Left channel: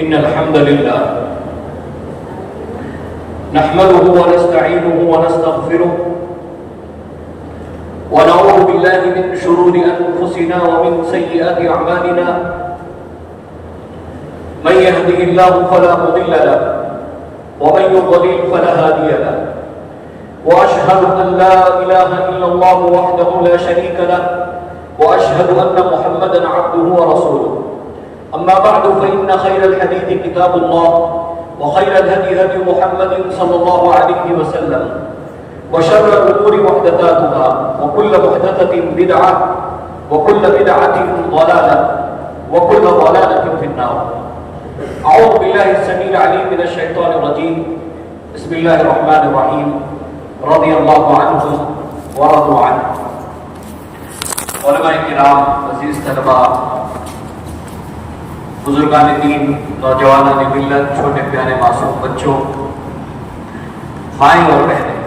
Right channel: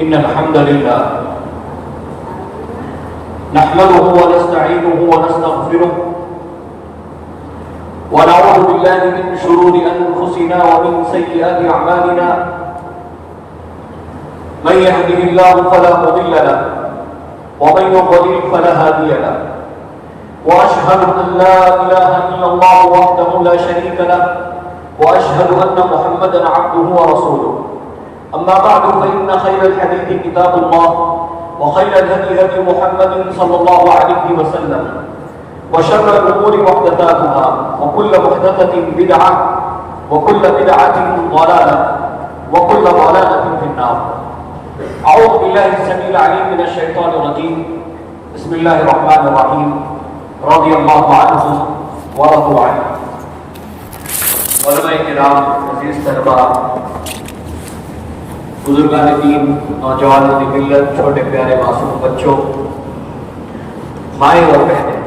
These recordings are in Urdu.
إن الحمد لله نحمده ونستعينه ونستغفره ونعوذ بالله من شرور أنفسنا ومن سيئات أعمالنا من يهده الله فلا مضل له ومن يضلل فلا هادي له وأشهد أن لا إله إلا الله وحده لا شريك له وأشهد أن محمدا عبده ورسوله أما بعد فإن خير الحديث كتاب الله وخير الهدي هدي محمد صلى الله عليه وسلم وشر الأمور محدثاتها وكل محدثة بدعة وكل بدعة ضلالة وكل ضلالة في النار. أعوذ بالله السميع العليم من الشيطان الرجيم. بسم الله الرحمن الرحيم. رضي الله عنهم ورضوا عنه. علماء کرام، عزیز طلباء، بزرگان دین، نوجوانان ملت، چھوٹے پیارے معصوم بچوں، مائیں اور بہنیں،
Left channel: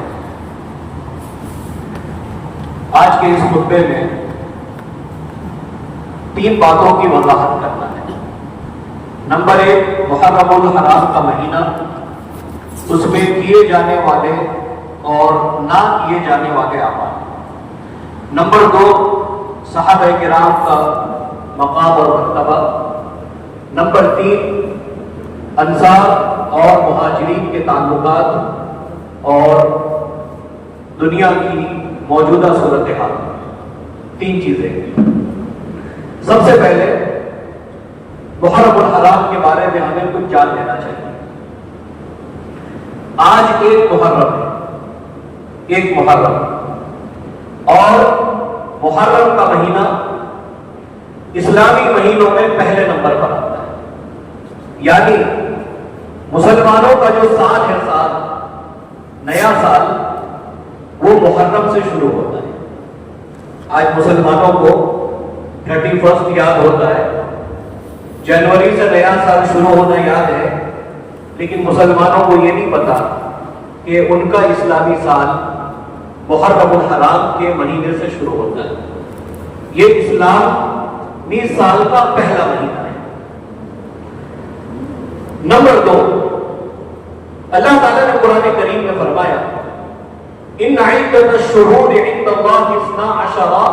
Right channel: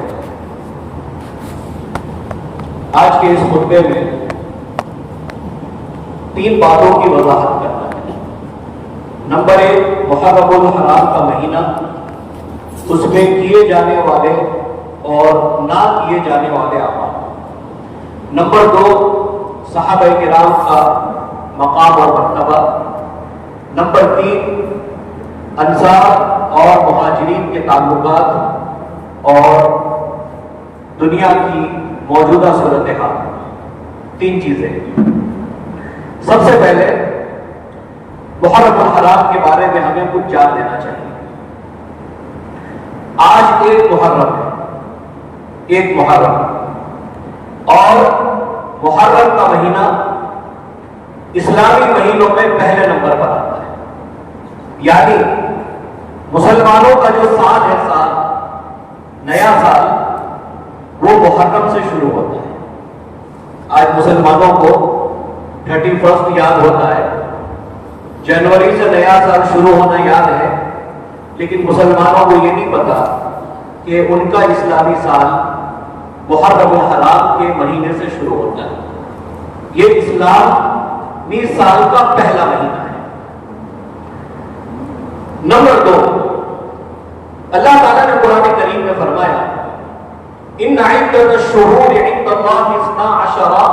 آج کے اس خطبے میں 3 باتوں کی وضاحت کرنا ہے. نمبر 1، محرم الحرام کا مہینہ، اس میں کیے جانے والے اور نہ کیے جانے والے اعمال. نمبر 2، صحابہ کرام کا مقام اور مرتبہ. نمبر 3، انصار اور مہاجرین کے تعلقات اور دنیا کی موجودہ صورتحال. 3 چیزیں. سب سے پہلے محرم الحرام کے بارے میں ہمیں کچھ جان لینا چاہیے. آج 1 محرم ہے، 1 محرم، اور محرم کا مہینہ اسلامی مہینوں میں پہلے نمبر پر آتا ہے. یعنی مسلمانوں کا جو سال ہے، سال، نیا سال، وہ محرم سے شروع ہوتا ہے. آج مسلمانوں کو 31 یاد ہوتا ہے، جنوری سے نیا سال شروع ہونا یاد ہے، لیکن مسلمانوں کو یہ نہیں پتا کہ ان کا اسلامی سال محرم الحرام کے مہینے سے شروع ہوتا ہے. یہ اسلامی سال کا پہلا مہینہ ہے. نمبر 2، اللہ تعالیٰ نے قرآن کریم میں فرمایا، ان عدۃ الشہور عند اللہ 12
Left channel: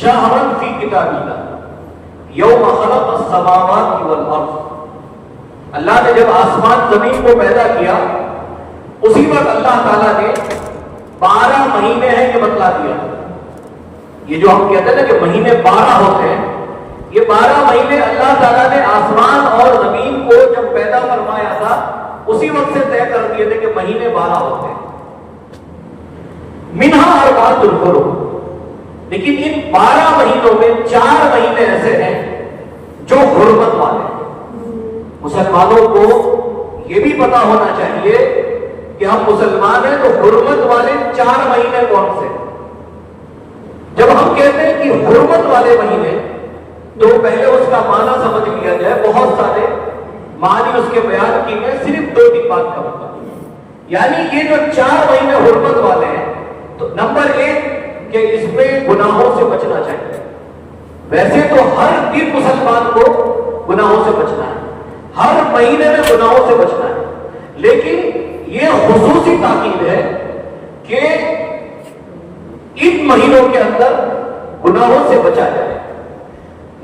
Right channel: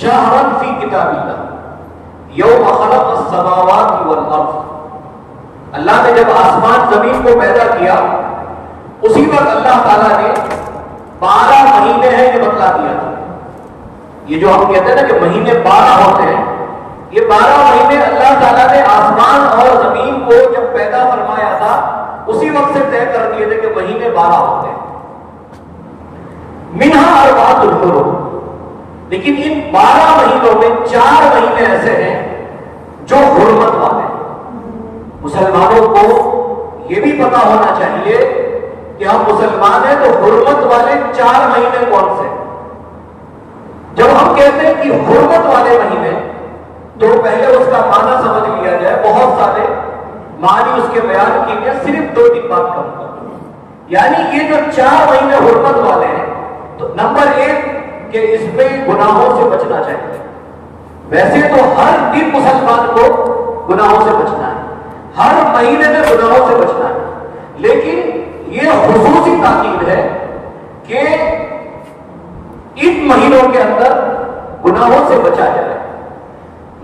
شہرا فی کتاب اللہ یوم خلق السماوات والارض. اللہ نے جب آسمان زمین کو پیدا کیا، اسی وقت اللہ تعالیٰ نے 12 مہینے ہیں یہ بتلا دیا تھا. یہ جو ہم کہتے ہیں نا کہ مہینے 12 ہوتے ہیں، یہ 12 مہینے اللہ تعالیٰ نے آسمان اور زمین کو جب پیدا فرمایا تھا اسی وقت سے طے کر دیے تھے کہ مہینے 12 ہوتے ہیں. منہا اربعۃ الحرم. لیکن ان 12 مہینوں میں 4 مہینے ایسے ہیں جو حرمت والے ہیں. مسلمانوں کو یہ بھی پتا ہونا چاہیے کہ ہم مسلمان ہیں تو حرمت والے 4 مہینے کون سے. جب ہم کہتے ہیں کہ حرمت والے مہینے، تو پہلے اس کا معنی سمجھ لیا جائے. بہت سارے معنی اس کے بیان کیے گئے، صرف 2 بات کا مطلب. یعنی یہ جو 4 مہینے حرمت والے ہیں، تو نمبر 1 کہ اس میں گناہوں سے بچنا چاہیے. ویسے تو ہر دن مسلمان کو گناہوں سے بچنا ہے، ہر مہینے میں گناہوں سے بچنا ہے، لیکن یہ خصوصی تاکید ہے کہ ان مہینوں کے اندر گناہوں سے بچا جائے.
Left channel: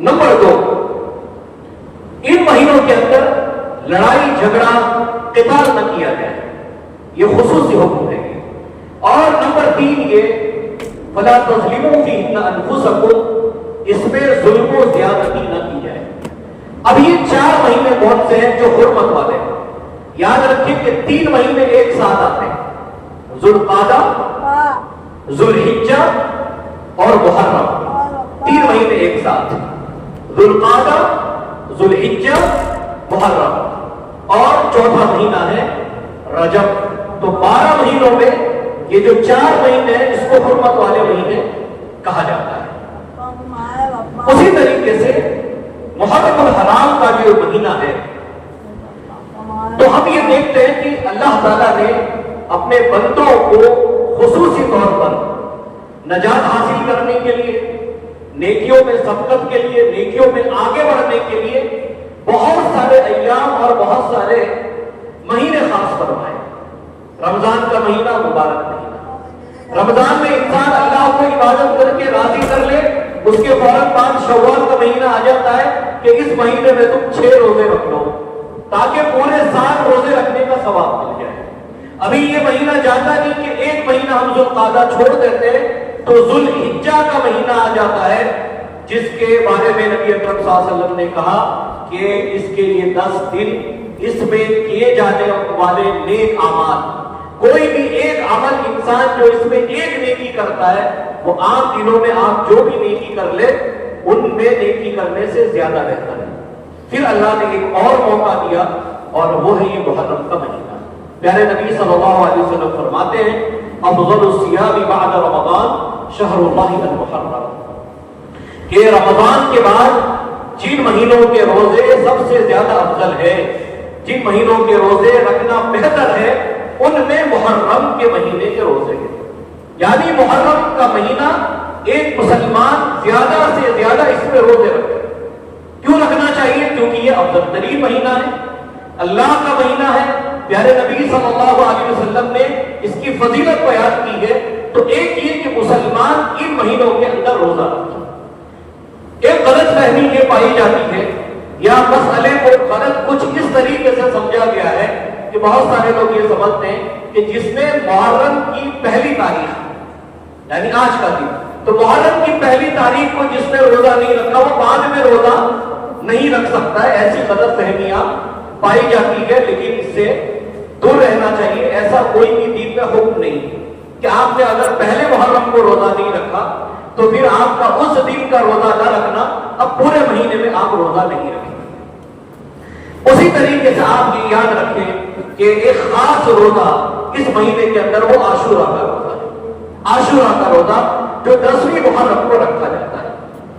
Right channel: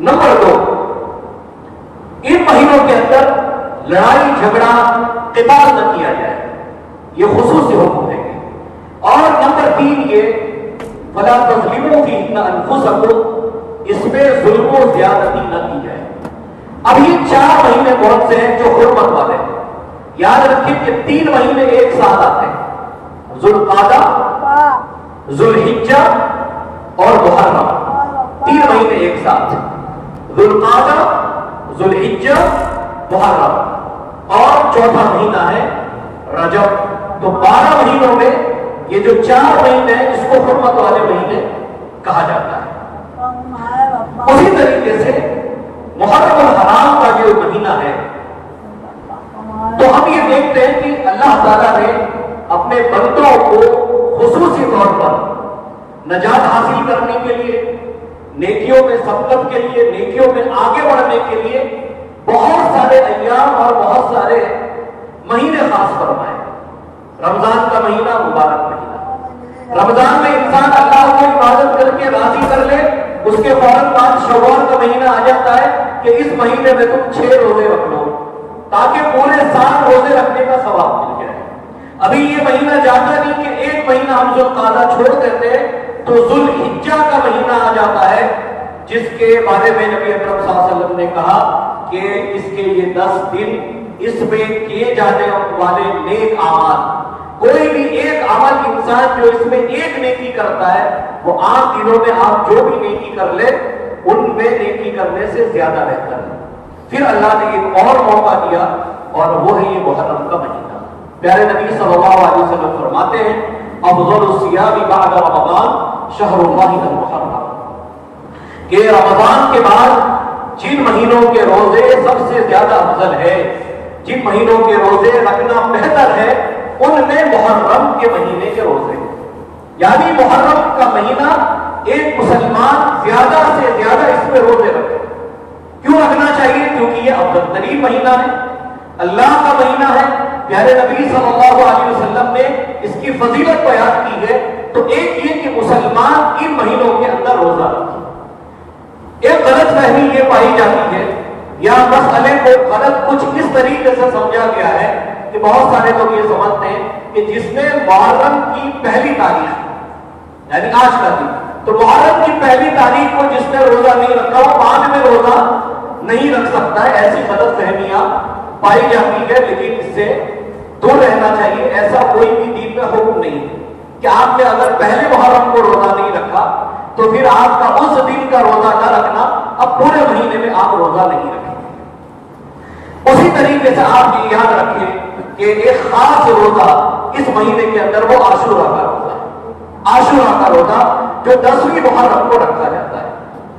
نمبر 2، ان مہینوں کے اندر لڑائی جھگڑا قتال نہ کیا جائے، یہ خصوصی حکم ہے. اور نمبر 3 یہ فلا تظلموا فیہن انفسکم، اس میں ظلم و زیادتی نہ کی جائے. اب یہ 4 مہینے کون سے ہیں جو حرمت والے ہیں؟ یاد رکھیں کہ 3 مہینے ایک ساتھ آتے ہیں، ذوالقعدہ، ذوالحجہ اور محرم. 3 مہینے ایک ساتھ، ذوالقعدہ، ذوالحجہ، محرم، اور چوتھا مہینہ ہے رجب. تو 12 مہینوں میں یہ جو 4 مہینے ہیں اس کو حرمت والے مہینے کہا جاتا ہے. اسی طریقے سے محرم الحرام کا جو مہینہ ہے، تو ہم یہ دیکھتے ہیں کہ اللہ تعالیٰ نے اپنے بندوں کو خصوصی طور پر نجات حاصل کرنے کے لیے، نیکیوں میں سبقت کے لیے، نیکیوں میں آگے بڑھنے کے لیے بہت سارے ایام اور بہت سارے مہینے خاص فرمائے. رمضان کا مہینہ مبارک مہینہ. رمضان میں انسان اللہ کو عبادت کر کے راضی کر لے, اس کے فوراً بعد شوال کا مہینہ آ جاتا ہے کہ اس مہینے میں تم 6 روزے رکھ لو تاکہ پورے 7 روزے رکھنے کا ثواب مل جائے. ابھی یہ مہینہ جاتا نہیں کہ ایک مہینہ ہم ذوالقعدہ چھوڑ دیتے ہیں تو ذوالحجہ کا مہینہ آ جاتا ہے, جس کے بارے میں نبی اکرم صلی اللہ علیہ وسلم نے کہا کہ اس کے یہ 10 دن اس میں کیے جانے والے نیک اعمال, کوئی بھی ایک عمل انسان جو اس میں ایک نیکی کرتا ہے وہ عام دنوں میں آپ جو بھی نیکی کر لے ان میں نیکی کرنے سے زیادہ بہتر ہے. پھر اللہ نے ایک اور موقع دیا اور وہ ہے یہ محرم کا مہینہ. پیارے نبی صلی اللہ علیہ وسلم فرماتے ہیں افضل الصیام بعد رمضان شہر اللہ المحرم, کہ رمضان کے بعد جن مہینوں کے روزے سب سے زیادہ افضل ہے, جن مہینوں کے روزے رکھنا بہتر ہے, ان میں محرم کے مہینے کے روزے ہیں. یعنی محرم کا مہینہ ایک مسلمان زیادہ سے زیادہ اس میں روزے رکھے. کیوں رکھنا چاہیے؟ کیونکہ یہ افضل ترین مہینہ ہے, اللہ کا مہینہ ہے. پیارے نبی صلی اللہ علیہ وسلم نے اس کی فضیلت بیان کی ہے. تو ایک یہ کہ مسلمان ان مہینوں کے اندر روزہ رکھے. ایک غلط فہمی یہ پائی جاتی ہے یا مسئلے کو غلط کچھ اس طریقے سے سمجھا گیا ہے کہ بہت سارے لوگ یہ سمجھتے ہیں کہ جس میں محرم کی پہلی تاریخ یعنی آج کا دن, تو محرم کی پہلی تاریخ کو جس نے روزہ نہیں رکھا وہ بعد میں روزہ نہیں رکھ سکتا ہے. ایسی غلط فہمیاں پائی جاتی ہے, لیکن اس سے دور رہنا چاہیے. ایسا کوئی بھی دین میں حکم نہیں کہ آپ نے اگر پہلے محرم کو روزہ نہیں رکھا تو پھر آپ کا اس دن کا روزہ نہ رکھنا, اب پورے مہینے میں آپ روزہ نہیں رکھیں. اسی طریقے سے آپ یہ یاد رکھیں کہ ایک خاص روزہ اس مہینے کے اندر وہ عاشورہ کا روزہ ہے. عاشورہ کا روزہ جو 10ویں محرم کو رکھا جاتا ہے.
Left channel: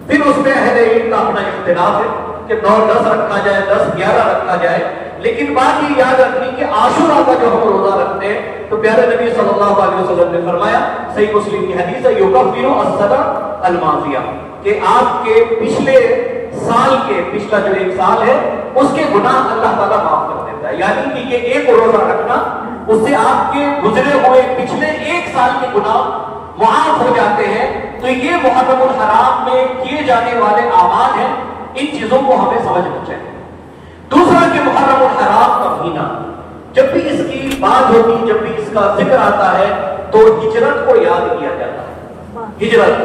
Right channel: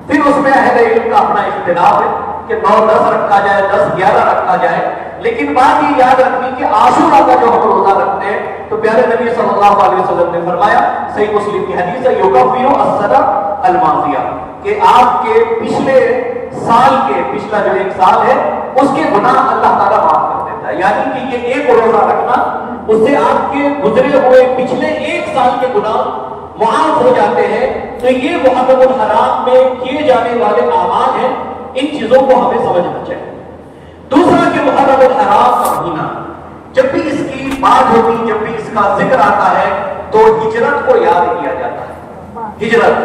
پھر اس میں اہل علم کا اپنا اختلاف ہے کہ 9-10 رکھا جائے, 10-11 رکھا جائے, لیکن بات یہ یاد رکھنی کہ عاشورہ کا جو ہم روزہ رکھتے ہیں تو پیارے نبی صلی اللہ علیہ وسلم نے فرمایا, صحیح مسلم کی حدیث ہے, یکفر السنہ الماضیہ, کہ آپ کے پچھلے سال کے پچھلا جو ایک سال ہے اس کے گناہ اللہ تعالیٰ معاف کر دیتا ہے. یعنی کہ یہ ایک روزہ رکھنا اس سے آپ کے گزرے ہوئے پچھلے ایک سال کے گناہ معاف ہو جاتے ہیں. تو یہ محرم الحرام میں کیے جانے والے اعمال ہیں, ان چیزوں کو ہمیں سمجھنا چاہیے. دوسرا کہ محرم الحرام کا مہینہ جب بھی اس کی بات ہوتی, جب بھی اس کا ذکر آتا ہے تو ہجرت کو یاد کیا جاتا ہے. ہجرت,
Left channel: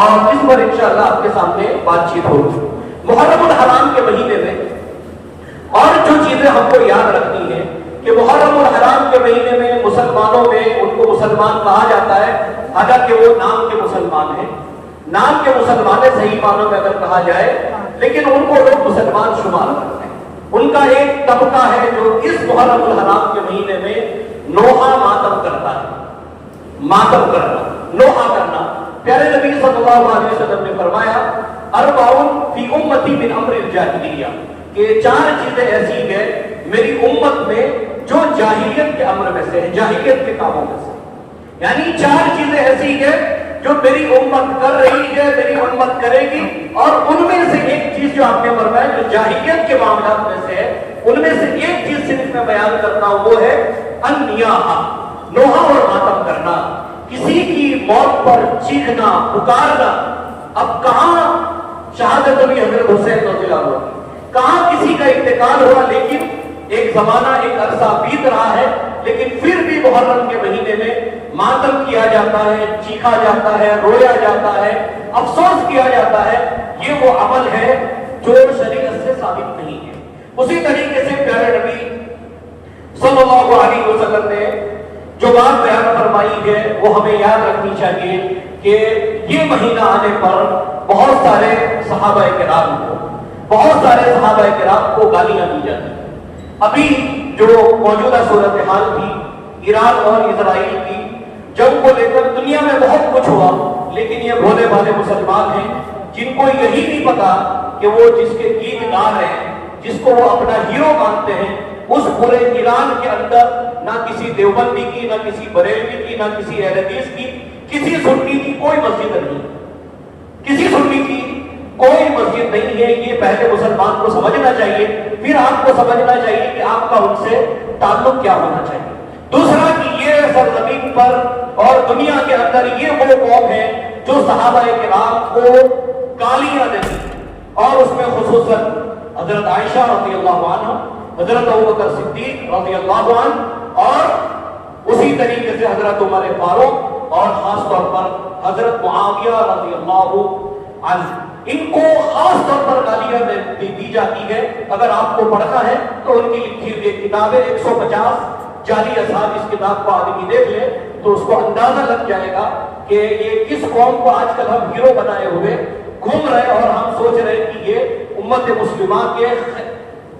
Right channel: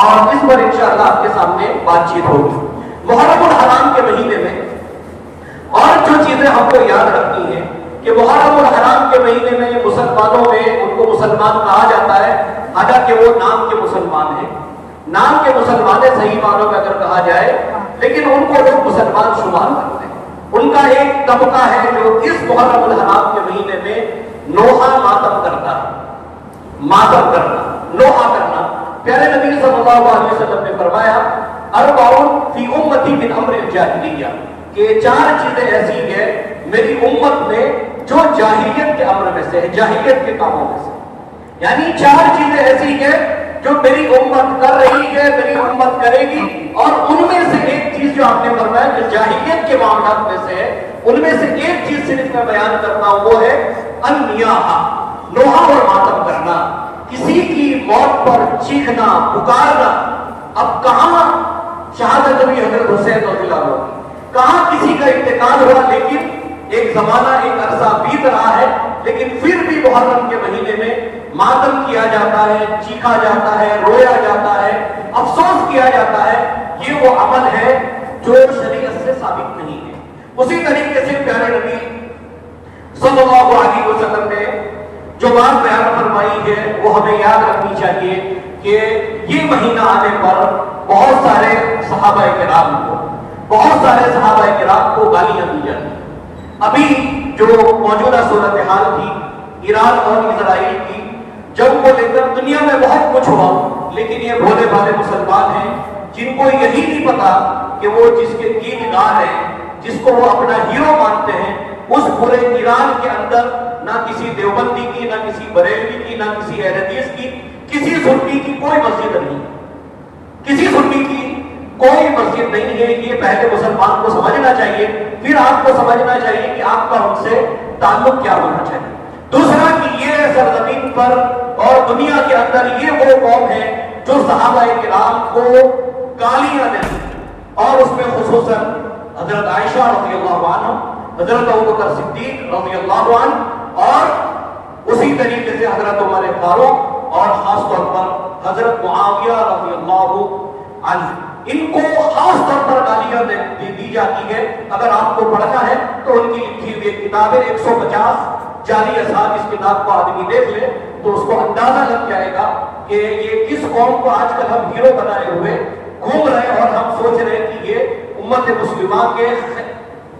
اور اس پر انشاءاللہ آپ کے سامنے بات چیت ہوگی. محرم الحرام کے مہینے میں اور جو چیزیں ہم کو یاد رکھنی ہے کہ محرم الحرام کے مہینے میں مسلمانوں میں ان کو مسلمان کہا جاتا ہے, حالانکہ وہ نام کے مسلمان ہیں, نام کے مسلمان صحیح معنوں میں اگر کہا جائے, لیکن ان کو لوگ مسلمان شمار کرتے ہیں. ان کا ایک طبقہ ہے جو اس محرم الحرام کے مہینے میں نوحہ ماتم کرتا ہے. ماتم کرنا, نوحہ کرنا. پیارے نبی صلی اللہ علیہ وسلم نے فرمایا اربعون فی امتی من امر الجاہلیہ, کہ 4 چیزیں ایسی ہیں میری امت میں جو جاہلیت کے امر میں سے ہے, جاہلیت کے کاموں میں سے. یعنی 4 چیزیں ایسی ہیں جو میری امت کر رہی ہے, میری امت کرے گی, اور ان میں سے ایک چیز جو آپ نے فرمایا جو جاہلیت کے معاملات میں سے ہے, ان میں سے ایک چیز صرف میں بیان کرتا ہوں, وہ ہے النیاحہ, نوحہ اور ماتم کرنا. کسی کی موت پر چیخنا, پکارنا. اب کہاں شہادت ہوئی حضرت حسین رضی اللہ عنہ, کہاں کسی کا انتقال ہوا, لیکن ایک زمانہ ایک عرصہ بیت رہا ہے, لیکن پھر بھی محرم کے مہینے میں ماتم کیا جاتا ہے, چیخا جاتا ہے, رویا جاتا ہے, افسوس کیا جاتا ہے. یہ وہ عمل ہے جو شریعت سے ثابت نہیں ہے. اسی طریقے سے پیارے نبی صلی اللہ علیہ وسلم نے جو بات بیان فرمائی ہے وہ ہمیں یاد رکھنی چاہیے کہ یہ مہینہ آنے پر بہت سارے صحابہ کرام کو گالیاں دی جاتی ہیں. ابھی جو موجودہ صورتحال تھی ایران اور اسرائیل کی جنگ کو لے کر دنیا میں بہت کچھ ہوا, لیکن یہ بھولے بھالے مسلمان ہیں جن کو یہی نہیں پتا کہ وہ جس کے دیندار ہیں, جس کو وہ اپنا ہیرو مانتے ہیں, اس پورے ایران کے اندر نہ کسی دیوبندی کی, نہ کسی بریلوی کی, نہ کسی اہل حدیث کی, کسی سنی کی کوئی مسجد نہیں, کسی سنی کی کوئی مسجد نہیں ہے. یہ پہلے مسلمان کو سمجھنا چاہیے, پھر آپ کو سمجھنا چاہیے کہ آپ کا ان سے تعلق کیا ہونا چاہیے. دوسرا کہ یہ سرزمین پر اور دنیا کے اندر یہ وہ قوم ہے جو صحابہ کرام کو گالیاں دیتی ہے, اور اس میں خصوصاً حضرت عائشہ رضی اللہ عنہ, حضرت ابوبکر صدیق رضی اللہ عنہ, اور اسی طریقے سے حضرت عمر فاروق, اور خاص طور پر حضرت معاویہ رضی اللہ عنہ. ان کو خاص طور پر گالیاں دی جاتی ہے. اگر آپ کو پڑھنا ہے تو ان کی لکھی ہوئی کتابیں 150 جعلی اصحاب, اس کتاب کو آدمی دیکھ لے تو اس کو اندازہ لگ جائے گا کہ یہ کس قوم کو آج کل ہم ہیرو بنائے ہوئے گھوم رہے ہیں, اور ہم سوچ رہے ہیں کہ یہ امت مسلمہ کے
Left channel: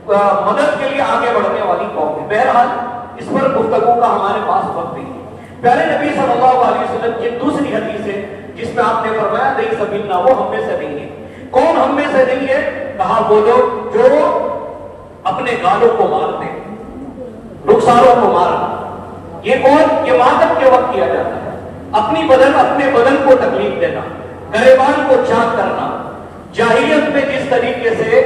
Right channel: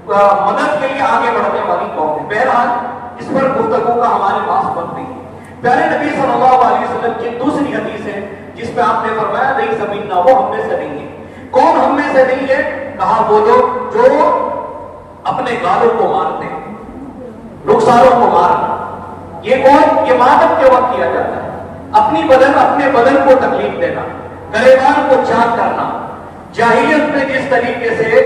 مدد کے لیے آگے بڑھنے والی قوم ہے. بہرحال اس پر گفتگو کا ہمارے پاس وقت نہیں ہے. پیارے نبی صلی اللہ علیہ وسلم کی دوسری حدیث ہے جس میں آپ نے فرمایا نہیں سمجھنا وہ ہم میں سے نہیں ہے. کون ہم میں سے نہیں ہے؟ کہا وہ لوگ جو اپنے گالوں کو مارتے, رخساروں کو مارنا. یہ کون؟ یہ ماتم کے وقت کیا جاتا ہے. اپنے بدن کو تکلیف دینا, گریبان کو چاک کرنا. جاہلیت میں جس طریقے سے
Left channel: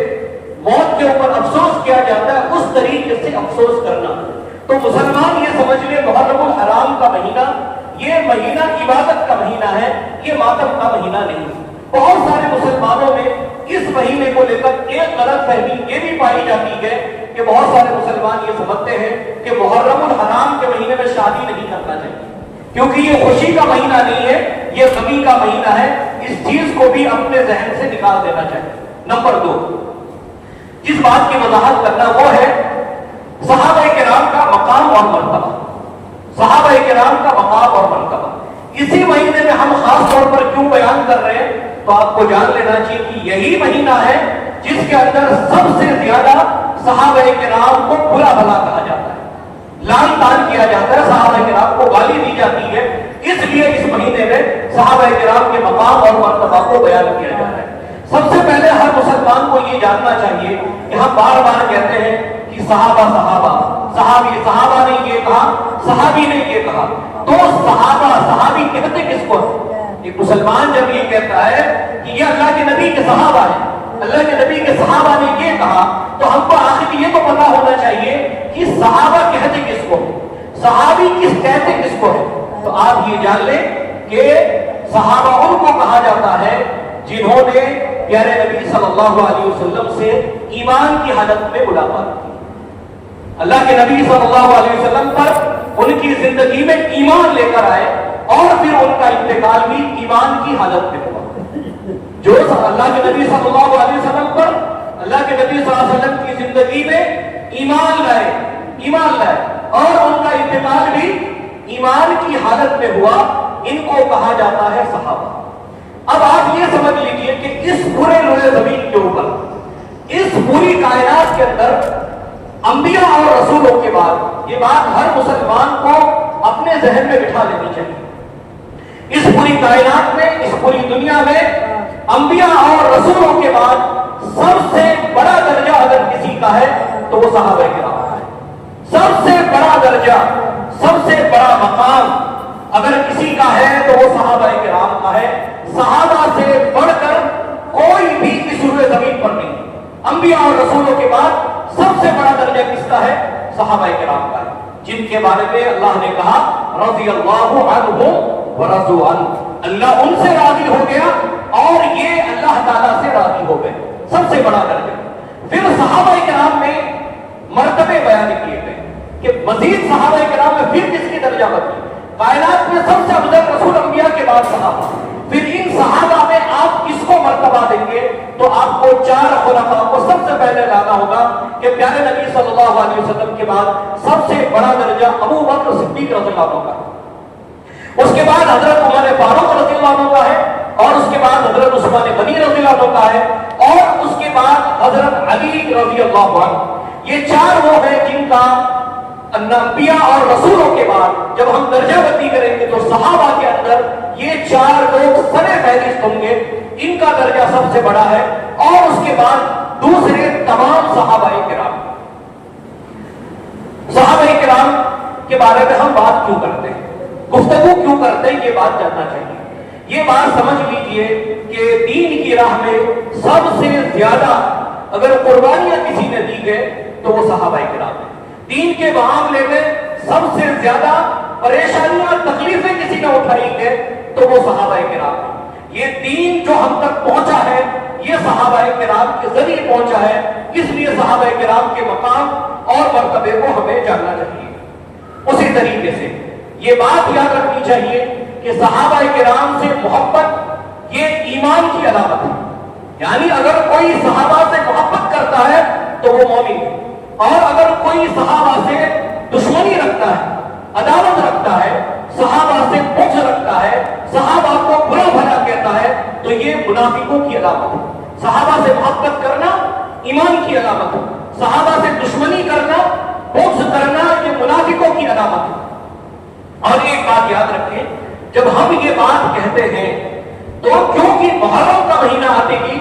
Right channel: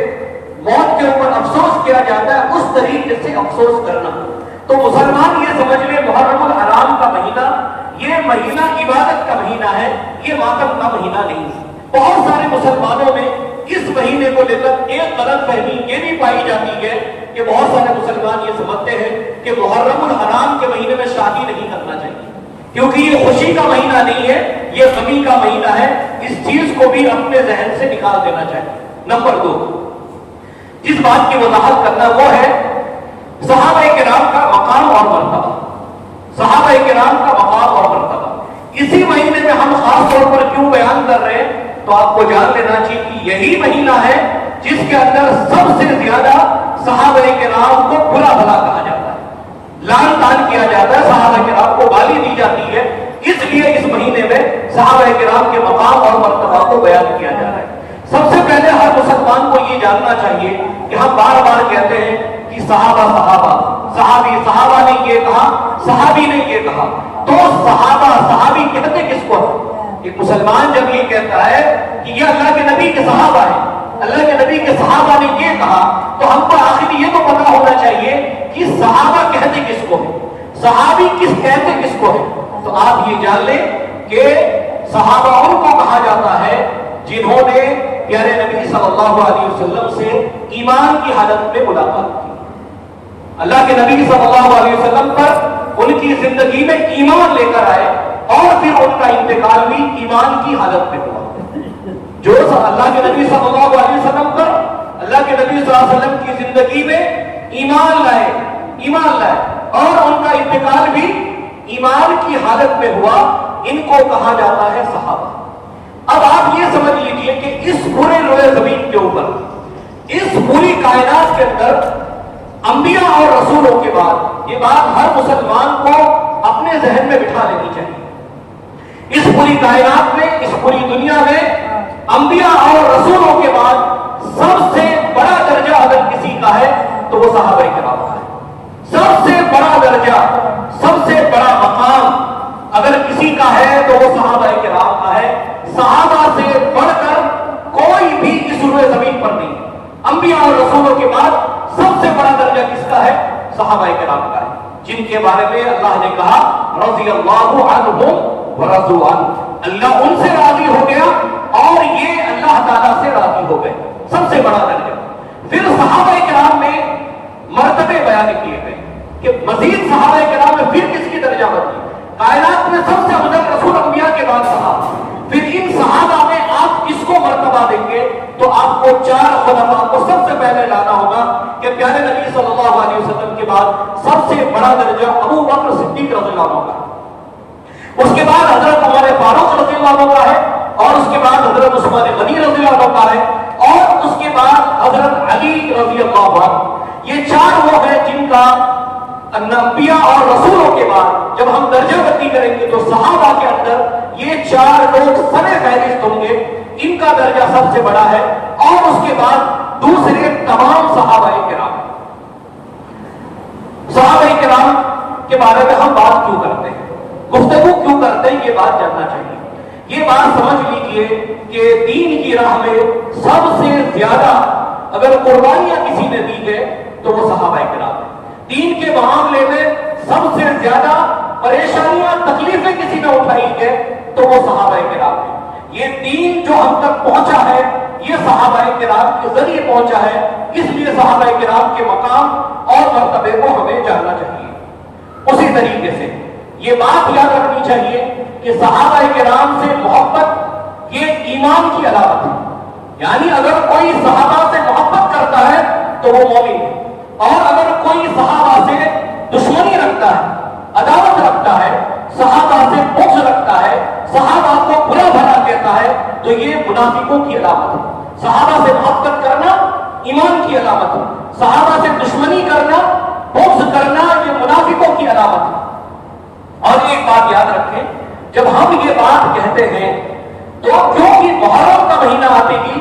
موت کے اوپر افسوس کیا جاتا ہے اس طریقے سے افسوس کرنا. تو مسلمان یہ سمجھ لے محرم الحرام کا مہینہ یہ مہینہ عبادت کا مہینہ ہے, یہ ماتم کا مہینہ نہیں ہے. بہت سارے مسلمانوں میں اس مہینے کو لے کر ایک غلط فہمی یہ بھی پائی جاتی ہے کہ بہت سارے مسلمان یہ سمجھتے ہیں کہ محرم الحرام کے مہینے میں شادی نہیں کرنا چاہیے کیونکہ یہ خوشی کا مہینہ نہیں ہے, یہ غمی کا مہینہ ہے. اس چیز کو بھی اپنے ذہن سے نکال دینا چاہیے. نمبر 2, جس بات کی وضاحت کرنا وہ ہے صحابہ کرام کا مقام اور مرتبہ. صحابہ کرام کا مقام اور مرتبہ اسی مہینے میں ہم خاص طور پر کیوں بیان کر رہے ہیں تو آپ کو جان لینا چاہیے کہ یہی مہینہ ہے جس کے اندر سب سے زیادہ صحابہ کرام کو برا بھلا کہا جاتا ہے, لعن طعن کیا جاتا ہے, صحابہ کرام کو گالی دی جاتی ہے. اس لیے اس مہینے میں صحابہ کرام کے مقام اور مرتبہ کو بیان کیا جا رہا ہے. سب سے پہلے ہر مسلمان کو یہ جاننا چاہیے کہ ہم بار بار کہتے ہیں کہ صحابہ, صحابہ نے یہ کہا, صحابی نے یہ کہا. تو صحابی کہتے کس کو ہے؟ ایک مسلمان جب یہ کہتا ہے کہ یہ اللہ کے نبی کے صحابہ ہیں, اللہ کے نبی کے صحابہ نے یہ کہا, تو ہم کو آخر یہ تو پتا ہونا چاہیے کہ صحابہ کہتے کس کو ہے, صحابی کہتے کس کو ہے. تو آپ یہ جان لیں کہ صحابہ ان کو کہا جاتا ہے جنہوں نے پیارے نبی صلی اللہ علیہ وسلم سے ایمان کی حالت میں ملاقات کی. اللہ کے نبی صلی اللہ علیہ وسلم پر ان کی زندگی میں ایمان لے کر آئے اور پھر ان کا انتقال بھی ایمان کی حالت میں ہوا. جو اللہ کے نبی صلی اللہ علیہ وسلم پر, اللہ کے نبی صلی اللہ علیہ وسلم کی زندگی میں ایمان لائے اور ان کا انتقال بھی ایمان کی حالت میں ہوا, ان کو کہا جاتا ہے صحابہ. اب آپ یہ سمجھ لیجئے کہ اس پورے روئے زمین کے اوپر, اس پوری کائنات کے اندر انبیاء اور رسولوں کے بعد, یہ بات ہر مسلمان کو اپنے ذہن میں بٹھا لینی چاہیے, اس پوری کائنات میں, اس پوری دنیا میں انبیاء اور رسولوں کے بعد سب سے بڑا درجہ اگر کسی کا ہے تو وہ صحابہ کرام کا ہے. سب سے بڑا درجہ, سب سے بڑا مقام اگر کسی کا ہے تو وہ صحابہ کرام کا ہے. صحابہ سے بڑھ کر کوئی بھی اس روئے زمین پر نہیں. انبیاء اور رسولوں کے بعد سب سے بڑا درجہ کس کا ہے؟ صحابہ کرام کا ہے, جن کے بارے میں اللہ نے کہا رضی اللہ عنہم ورضوا عنہ, اللہ ان سے راضی ہو گیا اور یہ اللہ تعالیٰ سے راضی ہو گئے. سب سے بڑا درجہ. پھر صحابہ کرام میں مرتبے بیان کیے گئے کہ مزید صحابہ کرام میں پھر کس کی درجہ بنی. کائنات میں سب سے افضل رسول انبیاء کے بعد صحابہ. پھر ان صحابہ میں آپ کس کو مرتبہ دیں گے تو آپ کو 4 خلفاء کو سب سے پہلے لانا ہوگا کہ پیارے نبی صلی اللہ علیہ وسلم کے بعد سب سے بڑا درجہ ابو بکر صدیق رضی اللہ عنہ کا, اس کے بعد حضرت عمر فاروق رضی اللہ عنہ کا ہے, اور اس کے بعد حضرت عثمان غنی رضی اللہ عنہ کا ہے, اور اس کے بعد حضرت علی رضی اللہ عنہ. یہ 4 وہ ہیں جن کا انبیاء اور رسولوں کے بعد جب ہم درجہ بندی کریں گے تو صحابہ کے اندر یہ 4 لوگ سر فہرست ہوں گے, ان کا درجہ سب سے بڑا ہے. اور اس کے بعد دوسرے تمام صحابہ کرام. صحابہ کرام کے بارے میں ہم بات کیوں کرتے ہیں, گفتگو کیوں کرتے ہیں, یہ بات جاننا چاہیے. یہ بات سمجھ لیجئے کہ دین کی راہ میں سب سے زیادہ اگر قربانیاں کسی نے دی ہے تو وہ صحابہ کرام ہیں. دین کے معاملے میں سب سے زیادہ پریشانیاں تکلیفیں کسی نے اٹھائی ہے تو وہ صحابہ کرام ہیں. یہ دین جو ہم تک پہنچا ہے یہ صحابہ کرام کے ذریعے پہنچا ہے. اس لیے صحابہ کرام کے مقام اور مرتبے کو ہمیں جاننا چاہیے. اسی طریقے سے یہ بات یاد رکھنی چاہیے کہ صحابہ کرام سے محبت یہ ایمان کی علامت ہے. یعنی اگر کوئی صحابہ سے محبت کرتا ہے تو وہ مومن ہے، اور اگر کوئی صحابہ سے دشمنی رکھتا ہے، عداوت رکھتا ہے، صحابہ سے بغض رکھتا ہے، صحابہ کو برا بھلا کہتا ہے تو یہ منافقوں کی علامت ہے. صحابہ سے محبت کرنا ایمان کی علامت ہے، صحابہ سے دشمنی کرنا، بغض کرنا یہ منافقوں کی علامت ہے. اور ایک بات یاد رکھیں، جب ہم یہ بات کہتے ہیں تو کیونکہ محرم کا مہینہ آتے ہی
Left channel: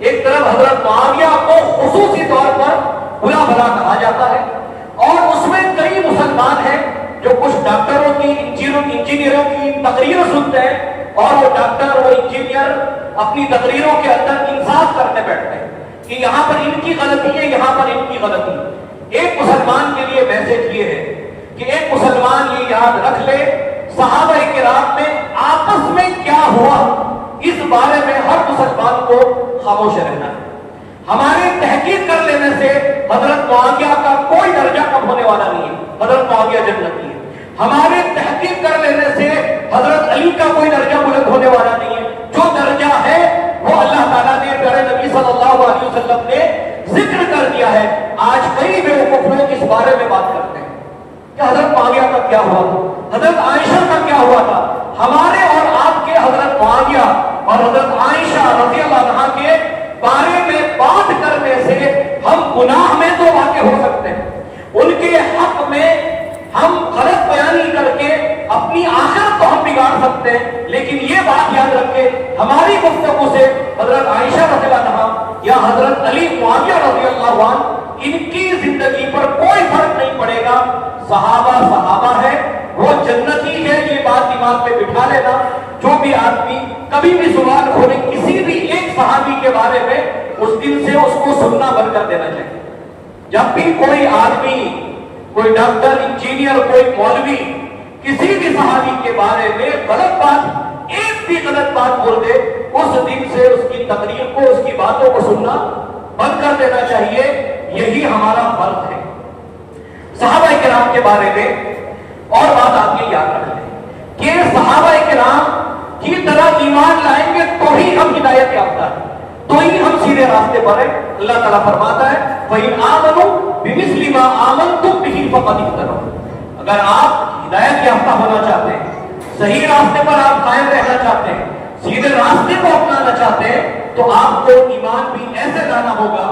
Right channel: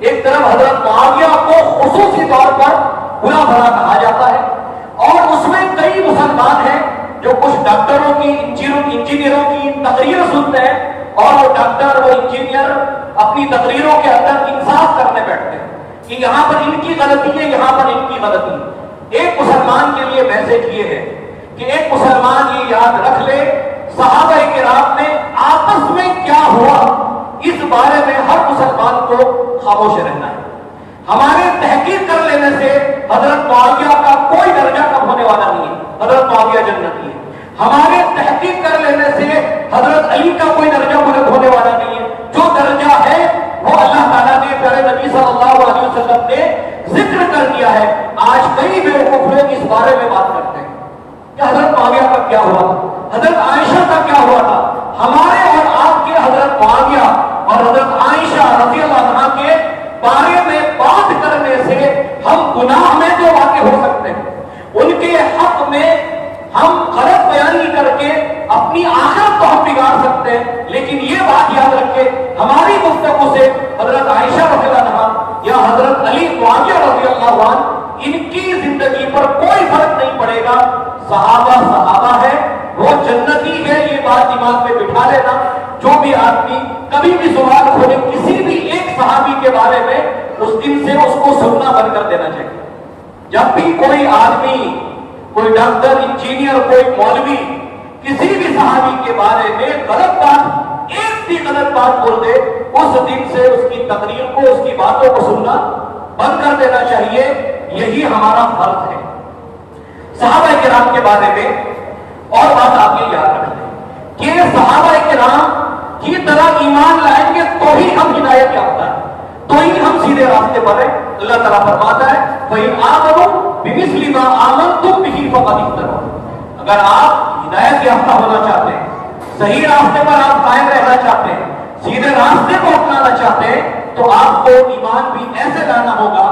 ایک طرف حضرت معاویہ کو خصوصی طور پر برا بھلا کہا جاتا ہے، اور اس میں کئی مسلمان ہیں جو کچھ ڈاکٹروں کی انجینئروں کی تقریر سنتے ہیں اور وہ ڈاکٹر وہ انجینئر اپنی تقریروں کے اندر انصاف کرنے بیٹھتے ہیں کہ یہاں پر ان کی غلطی ہے، یہاں پر ان کی غلطی ہے. ایک مسلمان کے لیے میسج یہ ہے کہ ایک مسلمان یہ یاد رکھ لے صحابہ کرام میں آپس میں کیا ہوا اس بارے میں ہر مسلمان کو خاموش رہنا ہے. ہماری تحقیق کر لینے سے حضرت معاویہ کا کوئی درجہ کم ہونے والا نہیں ہے، حضرت معاویہ جنتی ہے. ہمارے تحقیق کر لینے سے حضرت علی کا کوئی درجہ بلند ہونے والا نہیں ہے. جو درجہ ہے وہ اللہ تعالیٰ نے پیارے نبی صلی اللہ علیہ وسلم نے ذکر کر دیا ہے. آج کئی بیوقوف لوگ اس بارے میں بات کرتے ہیں کہ حضرت معاویہ کا کیا ہوا تھا، حضرت عائشہ کا کیا ہوا تھا. ہمارے اور آپ کے حضرت معاویہ اور حضرت عائشہ رضی اللہ عنہا کے بارے میں بات کرنے سے ہم گناہ میں تو واقع ہو سکتے ہیں، ان کے حق میں ہم غلط بیانی کر کے اپنی آخرت کو ہم بگاڑ سکتے ہیں. لیکن یہ بات یاد رکھے ہماری گفتگو سے حضرت عائشہ رضی اللہ عنہا یا حضرت علی معاویہ رضی اللہ عنہ ان کی زندگی پر کوئی فرق نہیں پڑے گا. صحابہ صحابہ ہے، وہ جنتی ہے، یہ بات دماغ میں بٹھا لینا. جو بھی آدمی کبھی بھی سوال کھولے کسی بھی ایک صحابی کے بارے میں اس دن سے اس کو سننا بند کر دینا چاہیے. جب بھی کوئی آدمی، کوئی ڈاکٹر، انجینئر، کوئی مولوی کسی بھی صحابی کے بارے میں غلط بات، ایک بھی غلط بات بول دے اس دن سے اس کی تقریر کو، اس کی باتوں کو سننا بند کر دینا چاہیے. یہی ہمارا فرض ہے. صحابہ کرام کے بارے میں اور بات آپ یہ یاد رکھ لیں کہ صحابہ کرام کی طرح ایمان لائیں گے تو ہی ہم ہدایت یافتہ ہیں، تو ہی ہم سیدھے راستے پر ہیں. اللہ تعالیٰ فرماتا ہے فَإِنْ آمَنُوا بِمِثْلِ مَا آمَنْتُمْ بِهِ فَقَدِ اهْتَدَوْا. اگر آپ ہدایت یافتہ ہونا چاہتے ہیں، صحیح راستے پر آپ قائم رہنا چاہتے ہیں، سیدھے راستے کو اپنانا چاہتے ہیں تو آپ کو ایمان بھی ایسے لانا ہوگا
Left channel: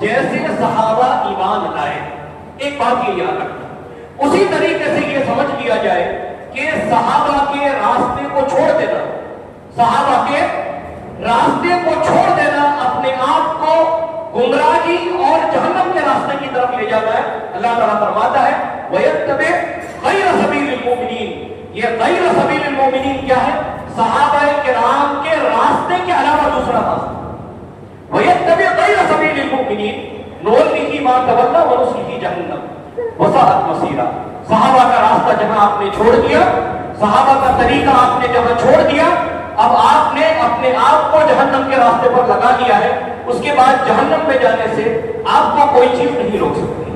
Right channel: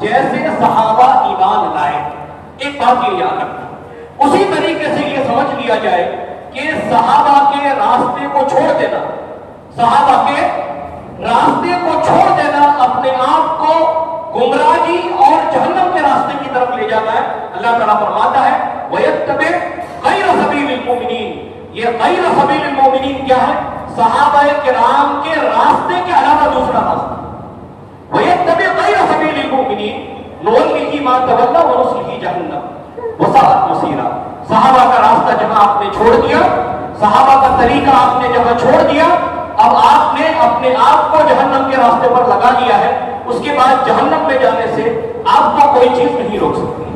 جیسے صحابہ ایمان لائے. ایک بات یہ یاد رکھیں، اسی طریقے سے یہ سمجھ لیا جائے کہ صحابہ کے راستے کو چھوڑ دینا، صحابہ کے راستے کو چھوڑ دینا اپنے آپ کو گمراہی اور جہنم کے راستے کی طرف لے جاتا ہے. اللہ تعالیٰ فرماتا ہے وَيَتَّبِعْ غَيْرَ سَبِيلِ الْمُؤْمِنِينَ. یہ غیر سبیل المؤمنین کیا ہے؟ صحابہ کرام کے راستے کے علاوہ دوسرا راستہ. وَيَتَّبِعْ غَيْرَ سَبِيلِ الْمُؤْمِنِينَ نُوَلِّهِ مَا تَوَلَّىٰ وَنُصْلِهِ جَهَنَّمَ وَسَاءَتْ مَصِيرًا. صحابہ کا راستہ جہاں آپ نے چھوڑ دیا، صحابہ کا طریقہ آپ نے جہاں چھوڑ دیا، اب آپ نے اپنے آپ کو جہنم کے راستے پر لگا دیا ہے. اس کے بعد جہنم میں جانے سے آپ کو کوئی چیز نہیں روک سکتی.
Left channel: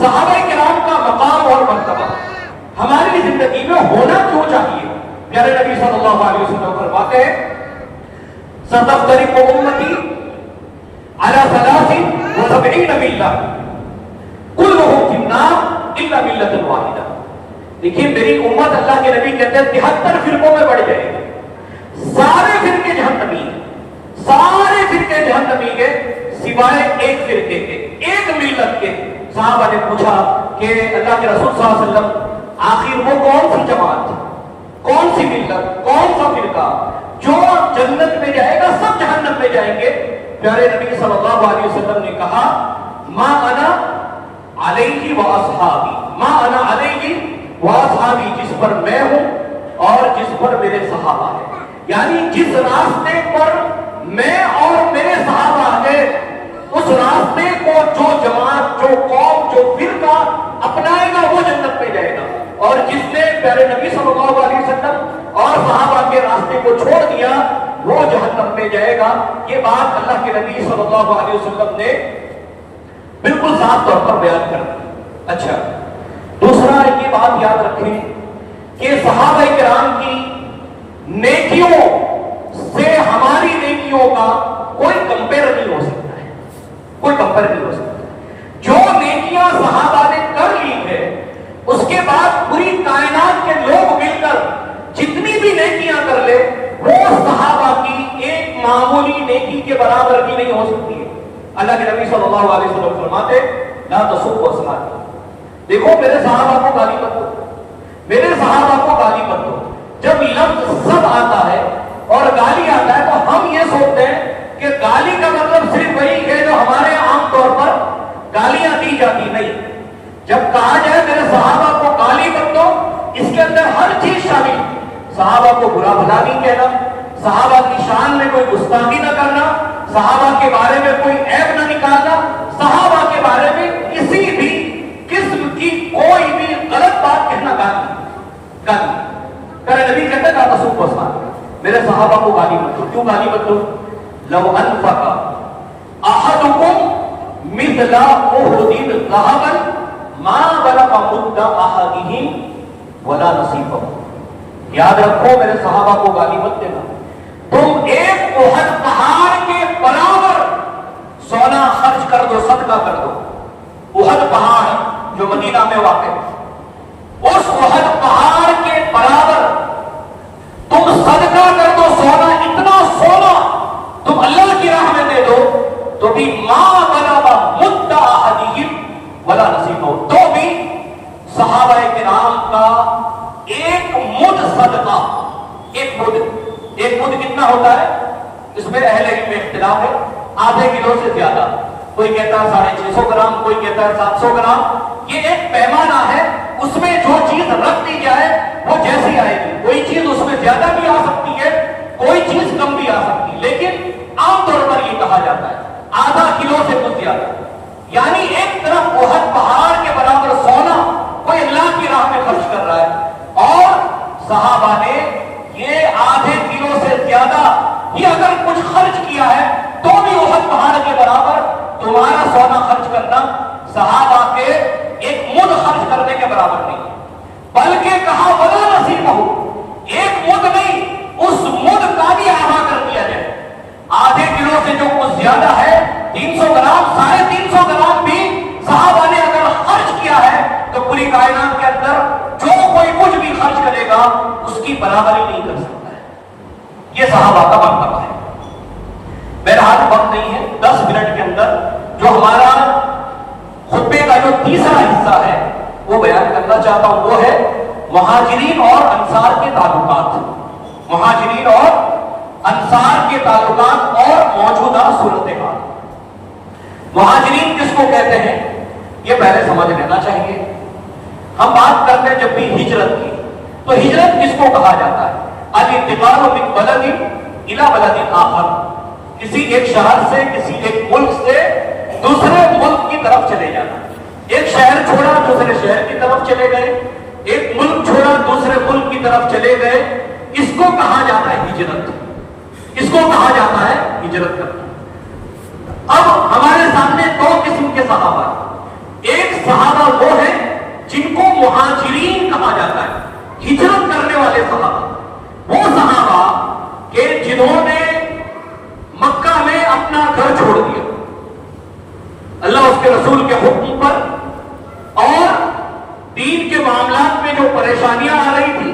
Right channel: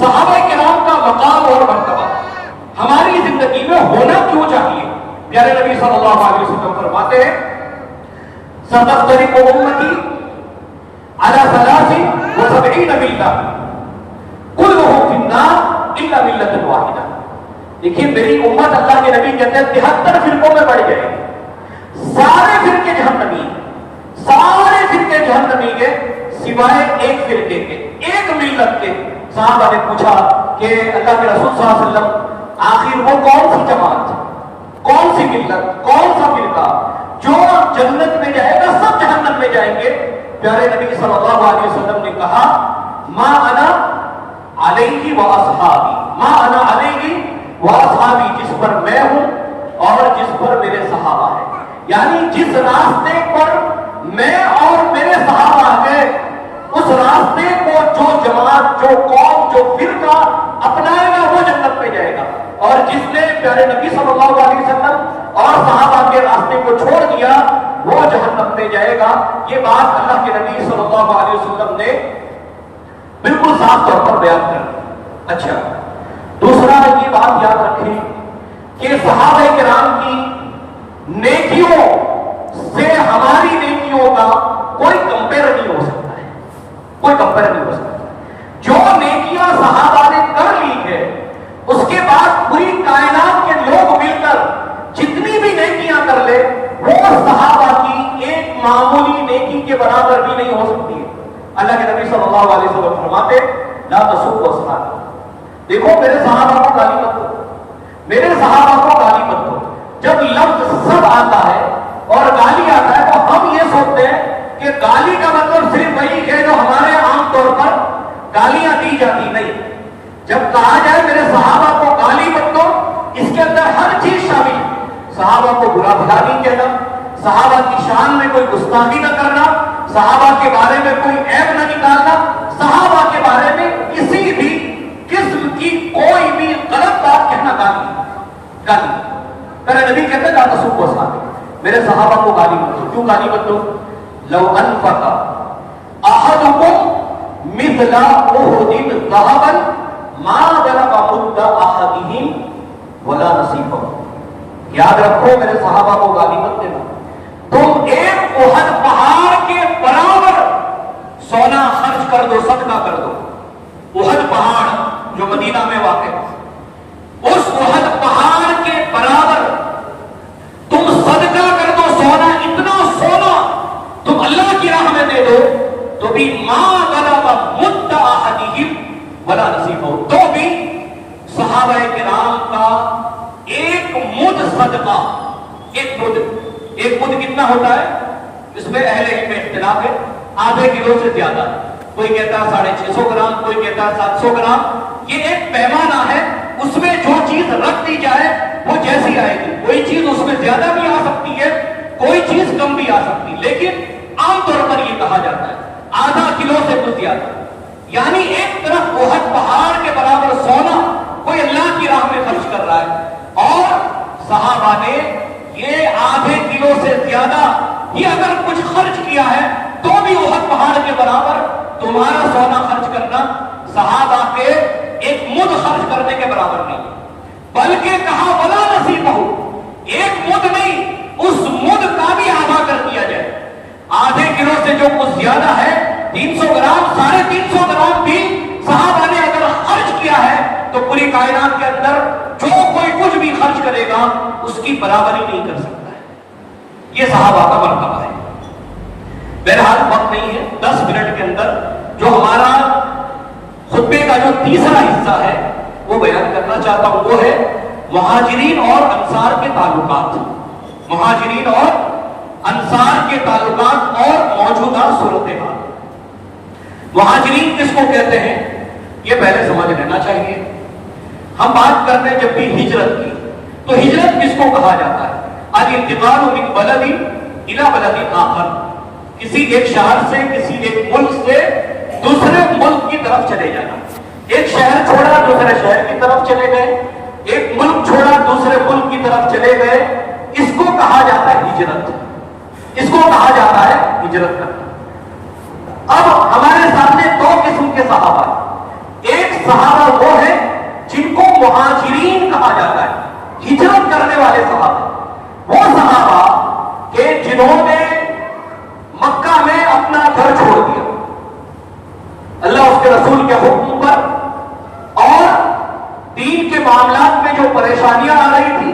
صحابہ کرام کا مقام اور مرتبہ ہماری زندگی میں ہونا کیوں چاہیے؟ پیارے نبی صلی اللہ علیہ وسلم فرماتے ہیں سَتَفْتَرِقُ أُمَّتِي عَلَىٰ 73 مِلَّةً كُلُّهُمْ فِي النَّارِ إِلَّا مِلَّةً وَاحِدَةً. دیکھیے میری امت، اللہ کے نبی کہتے ہیں 73 فرقوں میں بڑھ جائے گی. سارے فرقے جہنمی، سارے فرقے جہنمی کے سوائے ایک فرقے کے، ایک ملت کے. صحابہ نے پوچھا کہ اللہ کے رسول صلی اللہ علیہ وسلم آخر وہ کون سی جماعت، کون سی ملت، کون سا فرقہ جو جنت میں جائے گا؟ سب جہنم میں جائیں گے. پیارے نبی صلی اللہ علیہ وسلم نے کہا ما انا علیہ واصحابی، ما انا علیہ واصحابی، جس پر میں ہوں اور جس پر میرے صحابہ ہیں. یعنی جس راستے پر میں اور میرے صحابہ کے اس راستے کو جو جماعت، جو قوم، جو فرقہ اپنائے گا وہ جنت میں جائے گا، اور جس نے پیارے نبی صلی اللہ علیہ وسلم اور صحابہ کے راستے کو چھوڑ دیا وہ جہنم میں جائے گا۔ یہ بات اللہ کے نبی صلی اللہ علیہ وسلم نے بالکل صاف طور پر بیان کر دی۔ اچھا، دوسرا یہ بات یاد رکھیں کہ صحابہ کرام کی نیکیوں سے ہماری نیکیوں کا کوئی کمپیئر نہیں ہو سکتا ہے، کوئی کمپیئر نہیں ہو سکتا۔ جو نیکیاں صحابہ نے کر لی ہے اس کے بعد پوری کائنات کے لوگ مل کر جتنی بھی نیکیاں کر لے وہ صحابہ کی ایک معمولی نیکی کے برابر بھی نہیں ہو سکتی ہے۔ اللہ کے نبی صلی اللہ علیہ وسلم فرماتے لا تسبوا اصحابی، دیکھو میرے صحابہ کو گالی مت دو، میرے صحابہ کو گالی مت دو۔ جب لفظ سب آتا ہے اور گالی آتا ہے تو ہم یہ سوچتے ہیں کہ گالی کا مطلب صرف وہی ہے جو ہمارے عام طور پر گالیاں دی جاتی، نہیں۔ جب کہا جائے میرے صحابہ کو گالی مت دو، اس کے اندر ہر چیز شامل، صحابہ کو برا بھلا نہیں کہنا، صحابہ کی شان میں کوئی گستاخی نہ کرنا، صحابہ کے بارے میں کوئی عیب نہ نکالنا، صحابہ کے بارے میں کسی بھی قسم کی کوئی بھی غلط بات کہنا گالی۔ میرے نبی کہتے ہیں لا تسبوا اصحابی، میرے صحابہ کو گالی مت دو۔ کیوں گالی مت دو؟ لو انفق احدکم مثل احد ذهبا ما بلغ مد احدهم ولا نصیفہ۔ یاد رکھو میرے صحابہ کو گالی مت دینا، تم ایک احد پہاڑ کے برابر سونا خرچ کر دو، صدقہ کر دو۔ احد پہاڑ جو مدینہ میں واقع ہے، اس احد پہاڑ کے برابر تم صدقہ کر دو سونا، اتنا سونا تم اللہ کی راہ میں دے دو تو بھی ما بلغ مد احدہم ولا نصیبہ، تو بھی صحابہ کرام کا ایک مد صدقہ، ایک مد کتنا ہوتا ہے؟ اس میں اہل علم میں اختلاف ہے، آدھے کلو سے زیادہ، کوئی کہتا ہے 650 گرام، کوئی کہتا ہے 700 گرام۔ یہ ایک پیمانہ ہے، اس میں جو چیز رکھ دی جائے وہ جیسی آئے گی، کوئی چیز اس میں زیادہ بھی آ سکتی ہے، کوئی چیز کم بھی آ سکتی ہے، لیکن عام طور پر یہ کہا جاتا ہے آدھا کلو سے کچھ زیادہ، یعنی ایک طرف احد پہاڑ کے برابر سونا کوئی اللہ کی راہ میں خرچ کر رہا ہے، اور صحابہ نے یہ آدھے کلو سے زیادہ ہی اگر کچھ خرچ کیا ہے تو بھی احد پہاڑ کے برابر تمہارا سونا خرچ کرنا صحابہ کے ایک مد خرچ کرنے کے برابر نہیں، بلکہ کہا ولا نصیبہ، ایک مد نہیں، اس مد کا بھی آدھا کر دیا جائے۔ آدھے کلو سے جو کچھ زیادہ ہے 300 گرام، 350 گرام بھی صحابہ نے اگر خرچ کیا ہے تو پوری کائنات کے اندر جو کوئی کچھ بھی خرچ کرے گا اس کی برابری نہیں کر سکتا ہے۔ یہ صحابہ کا مرتبہ ہے۔ بہرحال وقت نہیں ہے، 10 منٹ کے اندر جو ہمارا خطبے کا جو تیسرا حصہ ہے وہ بیان کرنا چاہتا ہوں، وہ ہے مہاجرین اور انصار کے تعلقات، مہاجرین اور انصار کے تعلقات اور موجودہ صورتحال۔ مہاجرین کس کو کہتے ہیں یہ پہلے سمجھ لینا چاہیے۔ ہم بات کرتے ہیں جب بھی ہجرت کی تو ہجرت کس کو کہا جاتا ہے؟ الانتقال من بلد الی بلد آخر، کسی ایک شہر سے، کسی ایک ملک سے دوسرے ملک کی طرف چلے جانا۔ ایک شہر چھوڑا دوسرے شہر کی طرف چلے گئے، ایک ملک چھوڑا دوسرے ملک کی طرف چلے گئے، اس کو کہا جاتا ہے ہجرت، اس کو کہا جاتا ہے ہجرت کرنا۔ اب ہمارے سامنے دو قسم کے صحابہ ہیں، ایک صحابہ وہ ہیں جن کو مہاجرین کہا جاتا ہے، ہجرت کرنے والے صحابہ، وہ صحابہ کہ جنہوں نے مکہ میں اپنا گھر چھوڑ دیا اللہ اس کے رسول کے حکم پر، اور دین کے معاملات میں جو پریشانیاں آ رہی تھی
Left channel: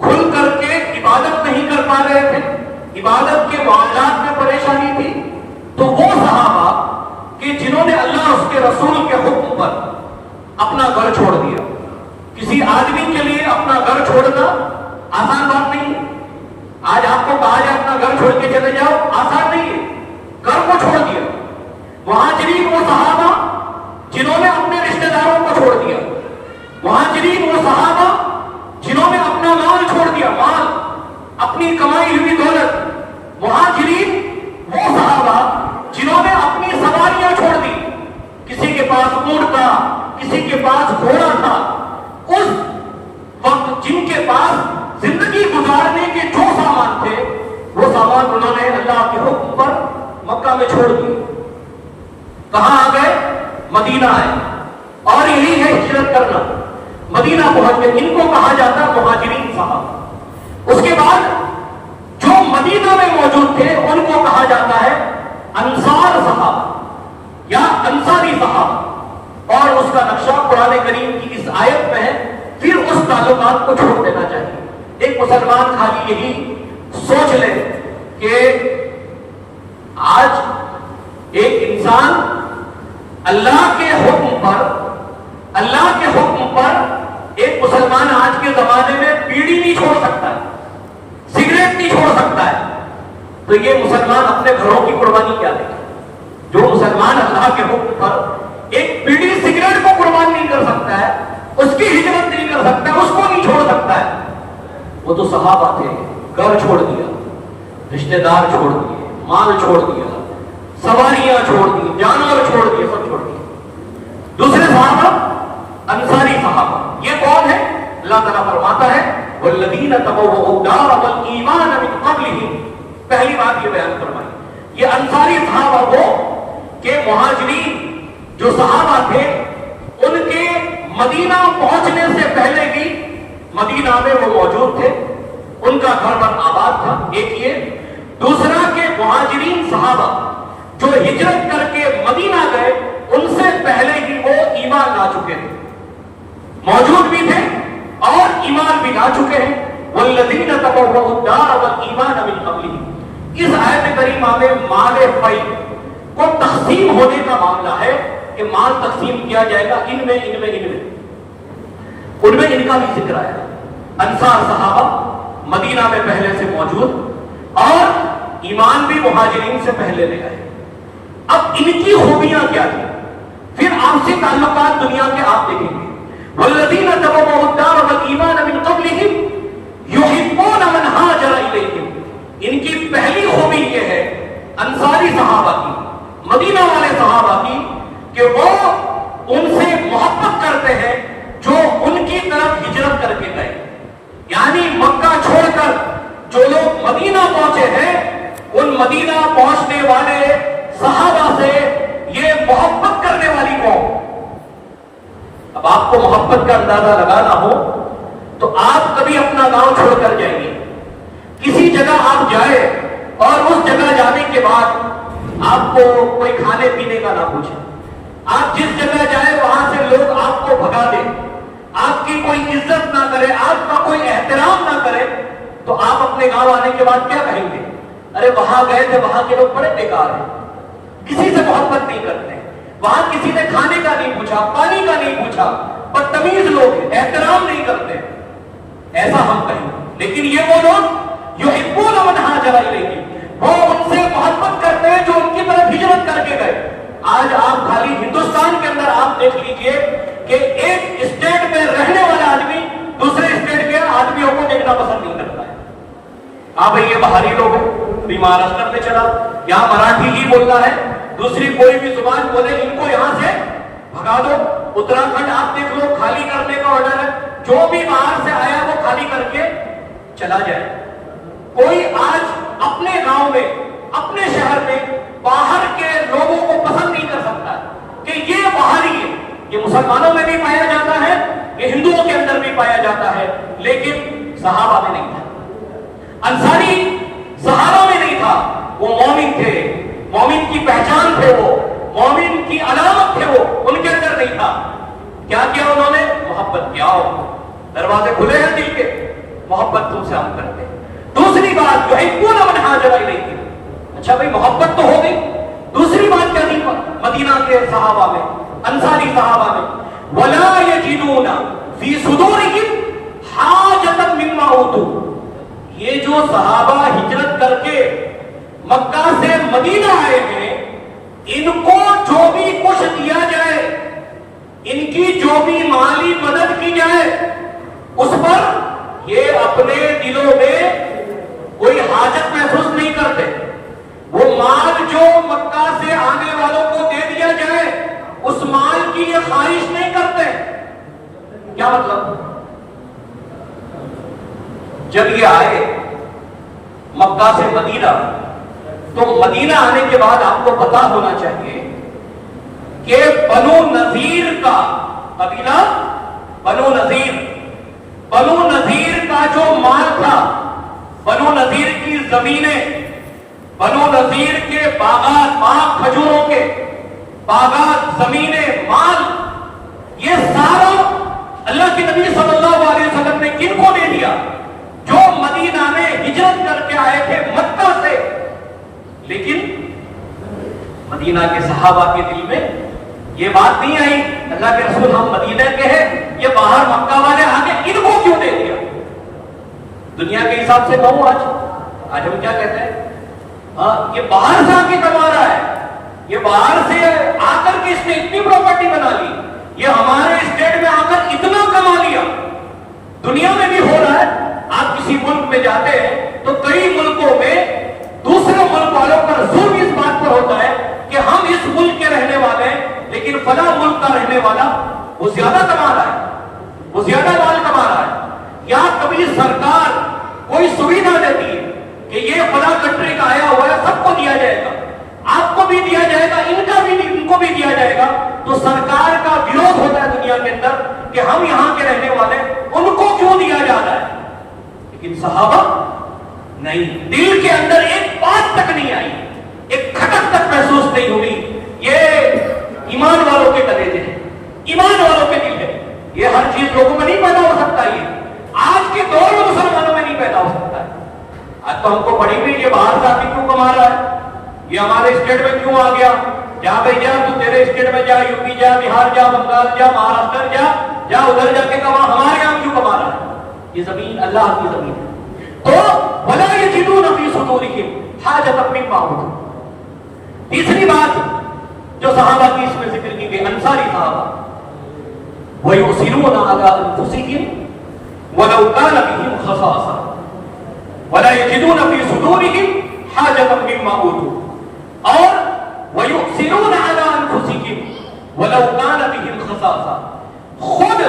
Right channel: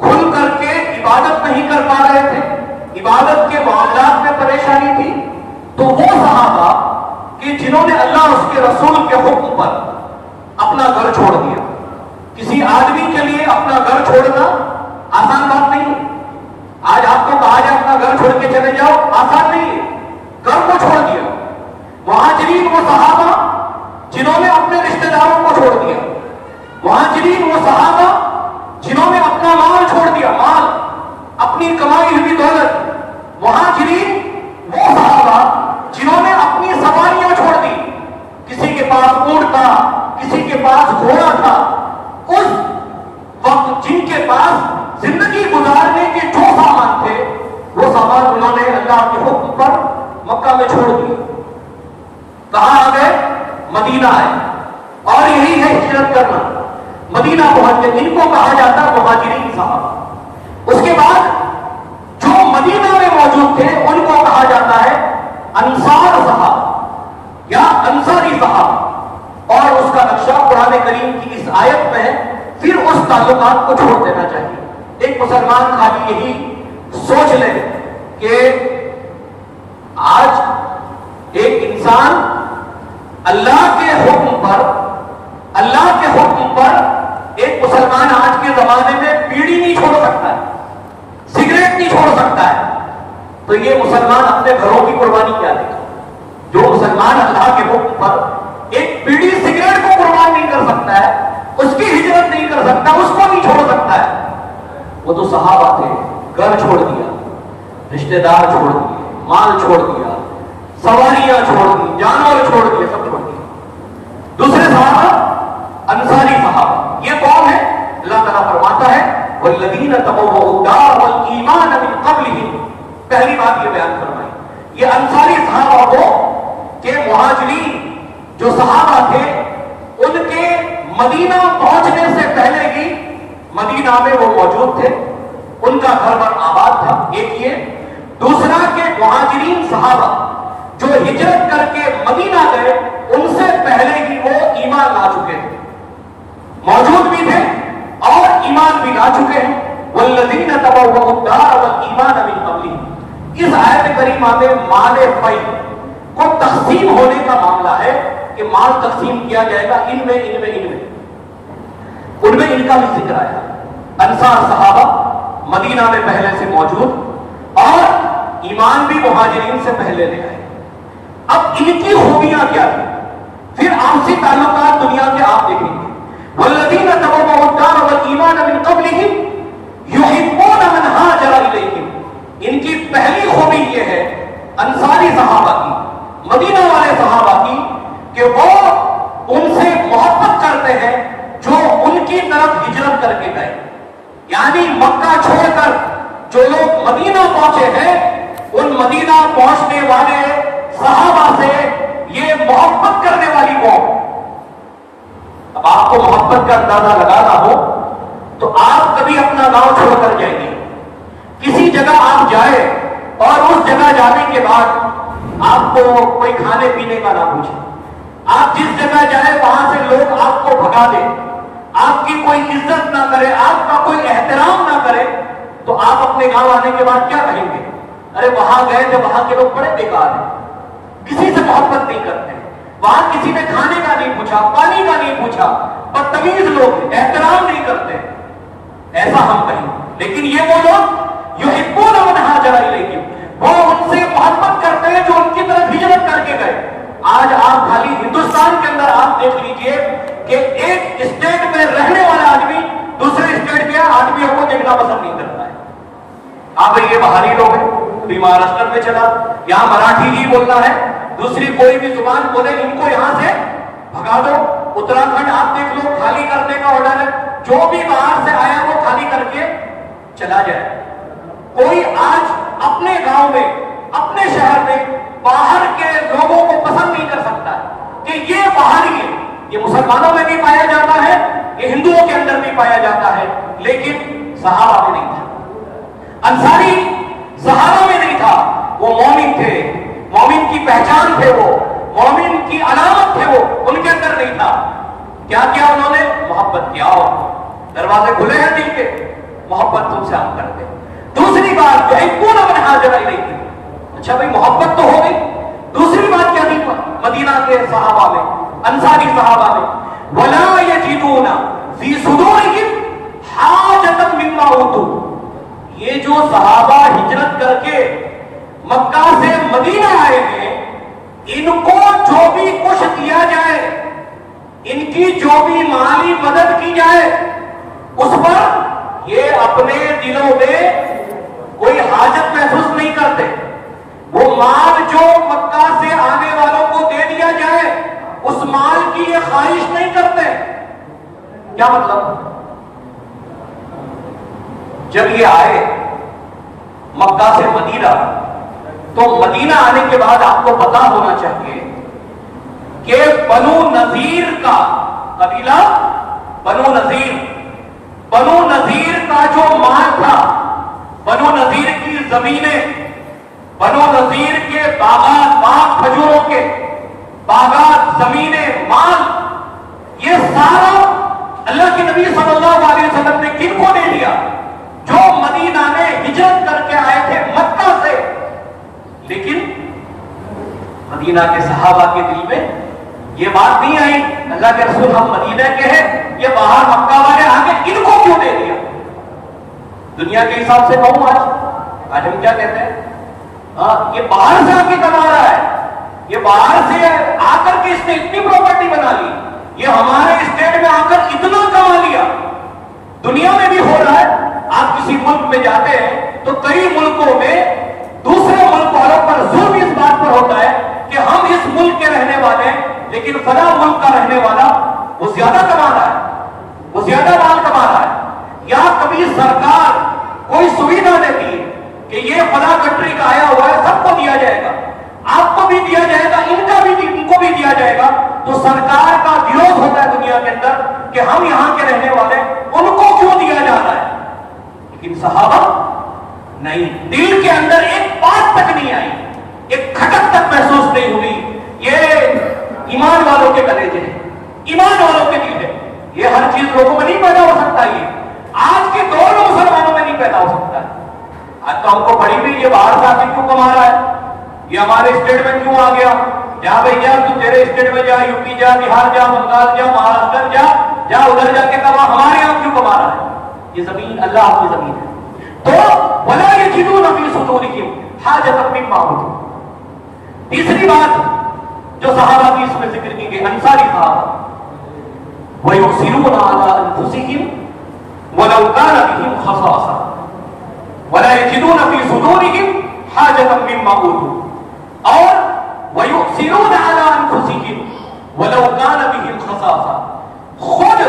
کھل کر کے عبادت نہیں کر پا رہے تھے، عبادت کے معاملات میں پریشانی تھی، تو وہ صحابہ کہ جنہوں نے اللہ اس کے رسول کے حکم پر اپنا گھر چھوڑ دیا۔ کسی آدمی کے لیے اپنا گھر چھوڑنا آسان بات نہیں ہے۔ آج آپ کو کہا جائے اپنا گھر چھوڑ کے چلے جاؤ، آسان نہیں ہے، گھر کو چھوڑ دیا۔ مہاجرین وہ صحابہ جنہوں نے اپنے رشتہ داروں کو چھوڑ دیا، مہاجرین وہ صحابہ جنہوں نے اپنا مال چھوڑ دیا، مال، اپنی کمائی ہوئی دولت۔ مہاجرین وہ صحابہ جنہوں نے اپنی سواریاں چھوڑ دی، کسی کے پاس اونٹ تھا، کسی کے پاس گھوڑا تھا، اس وقت جن کے پاس زندگی گزارنے کے جو سامان تھے وہ سامان انہوں نے اللہ کے حکم پر مکہ میں چھوڑ دیے. کہاں آ گئے؟ مدینہ آئے. اور یہی ہے ہجرت کرنا. مدینہ پہنچ گئے. ان کو کہا جاتا ہے مہاجرین صحابہ. اس کے بعد جو مدینہ میں موجود تھے ان کو کہا جاتا ہے انصار صحابہ یا انصاری صحابہ. اور اس کا نقشہ قرآن کریم کی اس آیت میں ہے. پھر اس تعلقات کو چھوڑ دینا چاہیے. ایک مسلمان خالی یہی سوچ لے کہ آج ایک انسان اللہ کے حکم پر ایک مسلمان آج کے زمانے میں بیڑی نہیں چھوڑ سکتا ہے, سگریٹ نہیں چھوڑ سکتا ہے, تو یہ مسلمان اپنے گھروں کی قربانی کیا دے گا؟ جو مسلمان اللہ کے حکم پر ایک بیڑی سگریٹ کو قربان نہیں کر سکتا ہے, اس کی ہجرت نہیں کر سکتا, اس کو نہیں چھوڑ سکتا ہے, وہ تو صحابہ تھے. گھر چھوڑ دیا, رشتہ دار چھوڑ دیے, مال چھوڑ دیا, سواریاں چھوڑ دی, جانور چھوڑ دیے, سب چھوڑ دیے. دوسرے صحابہ انصاری صحابہ. یہ کون ہے؟ اللہ تعالیٰ فرماتا ہے والذین تبوؤا الدار والایمان من قبلہم. پہلی بات یہ بیان فرمائی, یہ انصاری صحابہ کو کہ مہاجرین جو صحابہ تھے ان کے مدینہ پہنچنے سے پہلے ہی مدینہ میں وہ موجود تھے, ان کا گھر بر آباد تھا. ایک یہ. دوسرا کہ مہاجرین صحابہ جو ہجرت کر کے مدینہ گئے ان سے پہلے ہی وہ ایمان لا چکے تھے, موجود بھی تھے اور ایمان بھی لا چکے ہیں. والذین تبوؤا الدار والایمان من قبلہم. اس آیت کریمہ میں مال فی کو تقسیم ہونے کا معاملہ ہے کہ مال تقسیم کیا جائے گا ان میں ان کا بھی ذکر آیا. انصار صحابہ مدینہ میں پہلے سے موجود اور ایمان بھی مہاجرین سے پہلے لے آئے. اب ان کی خوبیاں کیا تھی؟ پھر آپسی تعلقات دنیا کے آپ دیکھیں گے. والذین تبوؤا الدار والایمان من قبلہم یحبون من ہاجر الیہم. ان کی پہلی خوبی یہ ہے انصاری صحابہ کی, مدینہ والے صحابہ کی, کہ وہ ان سے محبت کرتے ہیں جو ان کی طرف ہجرت کر کے گئے. یعنی مکہ چھوڑ کر جو لوگ مدینہ پہنچے ہیں ان مدینہ پہنچنے والے صحابہ سے یہ محبت کرنے والی قوم. اب آپ کو محبت کا اندازہ لگانا ہو تو آپ کبھی اپنا گاؤں چھوڑ کر جائیں گے, کسی جگہ آپ جائیں اور اس جگہ جانے کے بعد آپ کو کوئی کھانے پینے کا نہ پوچھے, آپ جس جگہ جائیں وہاں سے لوگ آپ کو بھگا دیں, آپ کی کوئی عزت نہ کرے, آپ کا کوئی احترام نہ کرے, تو آپ اپنے گاؤں آنے کے بعد کیا کہیں گے؟ ارے وہاں گئے تھے, وہاں کے لوگ بڑے بیکار ہیں, کسی سے محبت نہیں کرتے, وہاں کسی نے کھانے کا نہیں پوچھا, پانی کا نہیں پوچھا, بدتمیز لوگ, احترام نہیں کرتے, ایسا ہم کہیں. لیکن یہ وہ لوگ یحبون من ہاجر الیہم, وہ ان سے محبت کرتے ہیں جو ان کی طرف ہجرت کر کے گئے. آج آپ خالی ہندوستان کے اندر آپ دیکھ لیجئے کہ ایک اسٹیٹ میں رہنے والا آدمی دوسرے اسٹیٹ کے آدمیوں کو دیکھنا پسند نہیں کرتا ہے. آپ یہ باہری لوگ ہیں, بھی مہاراشٹر میں چلا, یہاں مراٹھی ہی بولتا ہے, دوسری کوئی بھی زبان بولے ان کو یہاں سے بھگا دو. اتراکھنڈ آپ دیکھ لو, خالی کرنے کا آرڈر ہے, جو بھی باہر سے آیا وہ خالی کر کے چلا جائے. کوئی آج اپنے گاؤں میں, اپنے شہر میں باہر کے لوگوں کو پسند نہیں کر سکتا ہے کہ یہ باہری ہے. یہ مسلمانوں میں بھی پایا جاتا ہے, یہ ہندوؤں کے اندر بھی پایا جاتا ہے, لیکن صحابہ میں نہیں تھا. انصاری صحابہ میں نہیں تھا. وہ مومن تھے, مومن کی پہچان تھے, وہ مومن کی علامت تھے, وہ ان کے اندر نہیں تھا. کیا کیا انہوں نے؟ محبت کیا. دروازے کھلے ہیں دل کے, محبت تم سے ہم کرتے. دوسری بات یحبون من ہاجر الیہم. اچھا بھائی محبت تو ہو گئی, دوسری بات کیا تھی مدینہ کے صحابہ میں, انصاری صحابہ میں؟ ولا یجدون فی صدورہم حاجۃ مما اوتوا. یہ جو صحابہ ہجرت کر کے مکہ سے مدینہ آئے ہیں, ان کو جو بھی کچھ دیا جائے, ان کی جو بھی مالی مدد کی جائے, اس پر یہ اپنے دلوں میں کوئی حاجت محسوس نہیں کرتے. وہ مال جو مکہ سے آنے والوں کو دے دیا جائے اس مال کی یہ خواہش نہیں کرتے. کیا مطلب؟ جب یہ آئے مکہ سے مدینہ تو مدینہ آنے کے بعد آپ کو پتا ہونا چاہیے کہ بنو نذیر کا قبیلہ، بنو نذیر کا جو مال تھا، بنو نذیر کی زمینیں، بنو نذیر کے باغات، باغ کھجوروں کے باغات، زمینیں، مال، یہ سارا اللہ کے نبی صلی اللہ علیہ وسلم نے کن کو دے دیا؟ جو مدینہ میں ہجرت کر کے آئے تھے مکہ سے. لیکن مدینہ کے صحابہ کے دل میں یہ بات نہیں آئی اللہ کے رسول ہم مدینہ کے ہیں، یہ باہر مکہ والے آگے ان کو کیوں دے دیا؟ دنیا کے حساب سے کہوں آج ہم کیا کہتے ہیں؟ یہ باہر سے آ کے کما رہا ہے، یہ باہر سے آ کر کے اس نے اتنی پراپرٹی بنا لی، یہ ہمارے اسٹیٹ میں آ کر اتنا کما لیا. دنیا میں بھی ہو رہا ہے. آپ کسی ملک میں جاتے ہیں تو کئی ملکوں میں دوسرے ملک والوں پر ظلم اس بات پر ہوتا ہے کہ ہم اس ملک کے رہنے والے ہیں لیکن فلاں ملک کا رہنے والا وہ زیادہ کما رہا ہے، وہ زیادہ مال کما رہا ہے. یا کبھی سرکار کوئی سویدھا دیتی ہے کہ یہ فلاں کنٹری کا آیا ہوا ہے، سب کو دیا جائے گا، آپ کو بھی دیا جائے گا، ان کو بھی دیا جائے گا، تو سرکار کا وروਧ ہوتا ہے دنیا کے اندر کہ ہم یہاں کے رہنے والے ان کو کیوں دیا جاتا ہے. لیکن صحابہ نہیں، دل کے اندر ایک بات تک نہیں آئی، ایک کھٹک تک محسوس نہیں ہوئی. یہ ایمان والوں کے کلیجے ہیں، ایمان والوں کے دل ہے. یہ ہر چیز لوگوں میں نہیں پیدا ہو سکتا، یہ آج کے دور میں مسلمانوں میں نہیں پیدا ہو سکتا ہے. آج تو ہم کو پڑھی ہوئی یہ باہر سے آ کے کیوں کما رہا ہے، یہ ہمارے اسٹیٹ میں کیوں آ گیا؟ جا بھائی جا، تو تیرے اسٹیٹ میں جا، یو پی جا، بہار جا، بنگال جا، مہاراشٹر جا ادھر جا کے کما، ہمارے یہاں کیوں کما رہا ہے؟ یہ زمین اللہ کی زمین ہے. تو وَلَا يَجِدُونَ فِي صُدُورِهِمْ حَاجَةً مِّمَّا أُوتُوا. تیسری بات جو صحابہ کی اس میں ذکر کی گئی، انصاری صحابہ، وَيُؤْثِرُونَ عَلَىٰ أَنفُسِهِمْ وَلَوْ كَانَ بِهِمْ خَصَاصَةٌ وَلَا يَجِدُونَ فِي صُدُورِهِمْ حَاجَةً مِّمَّا أُوتُوا. اور وَيُؤْثِرُونَ عَلَىٰ أَنفُسِهِمْ وَلَوْ كَانَ بِهِمْ خَصَاصَةٌ. خود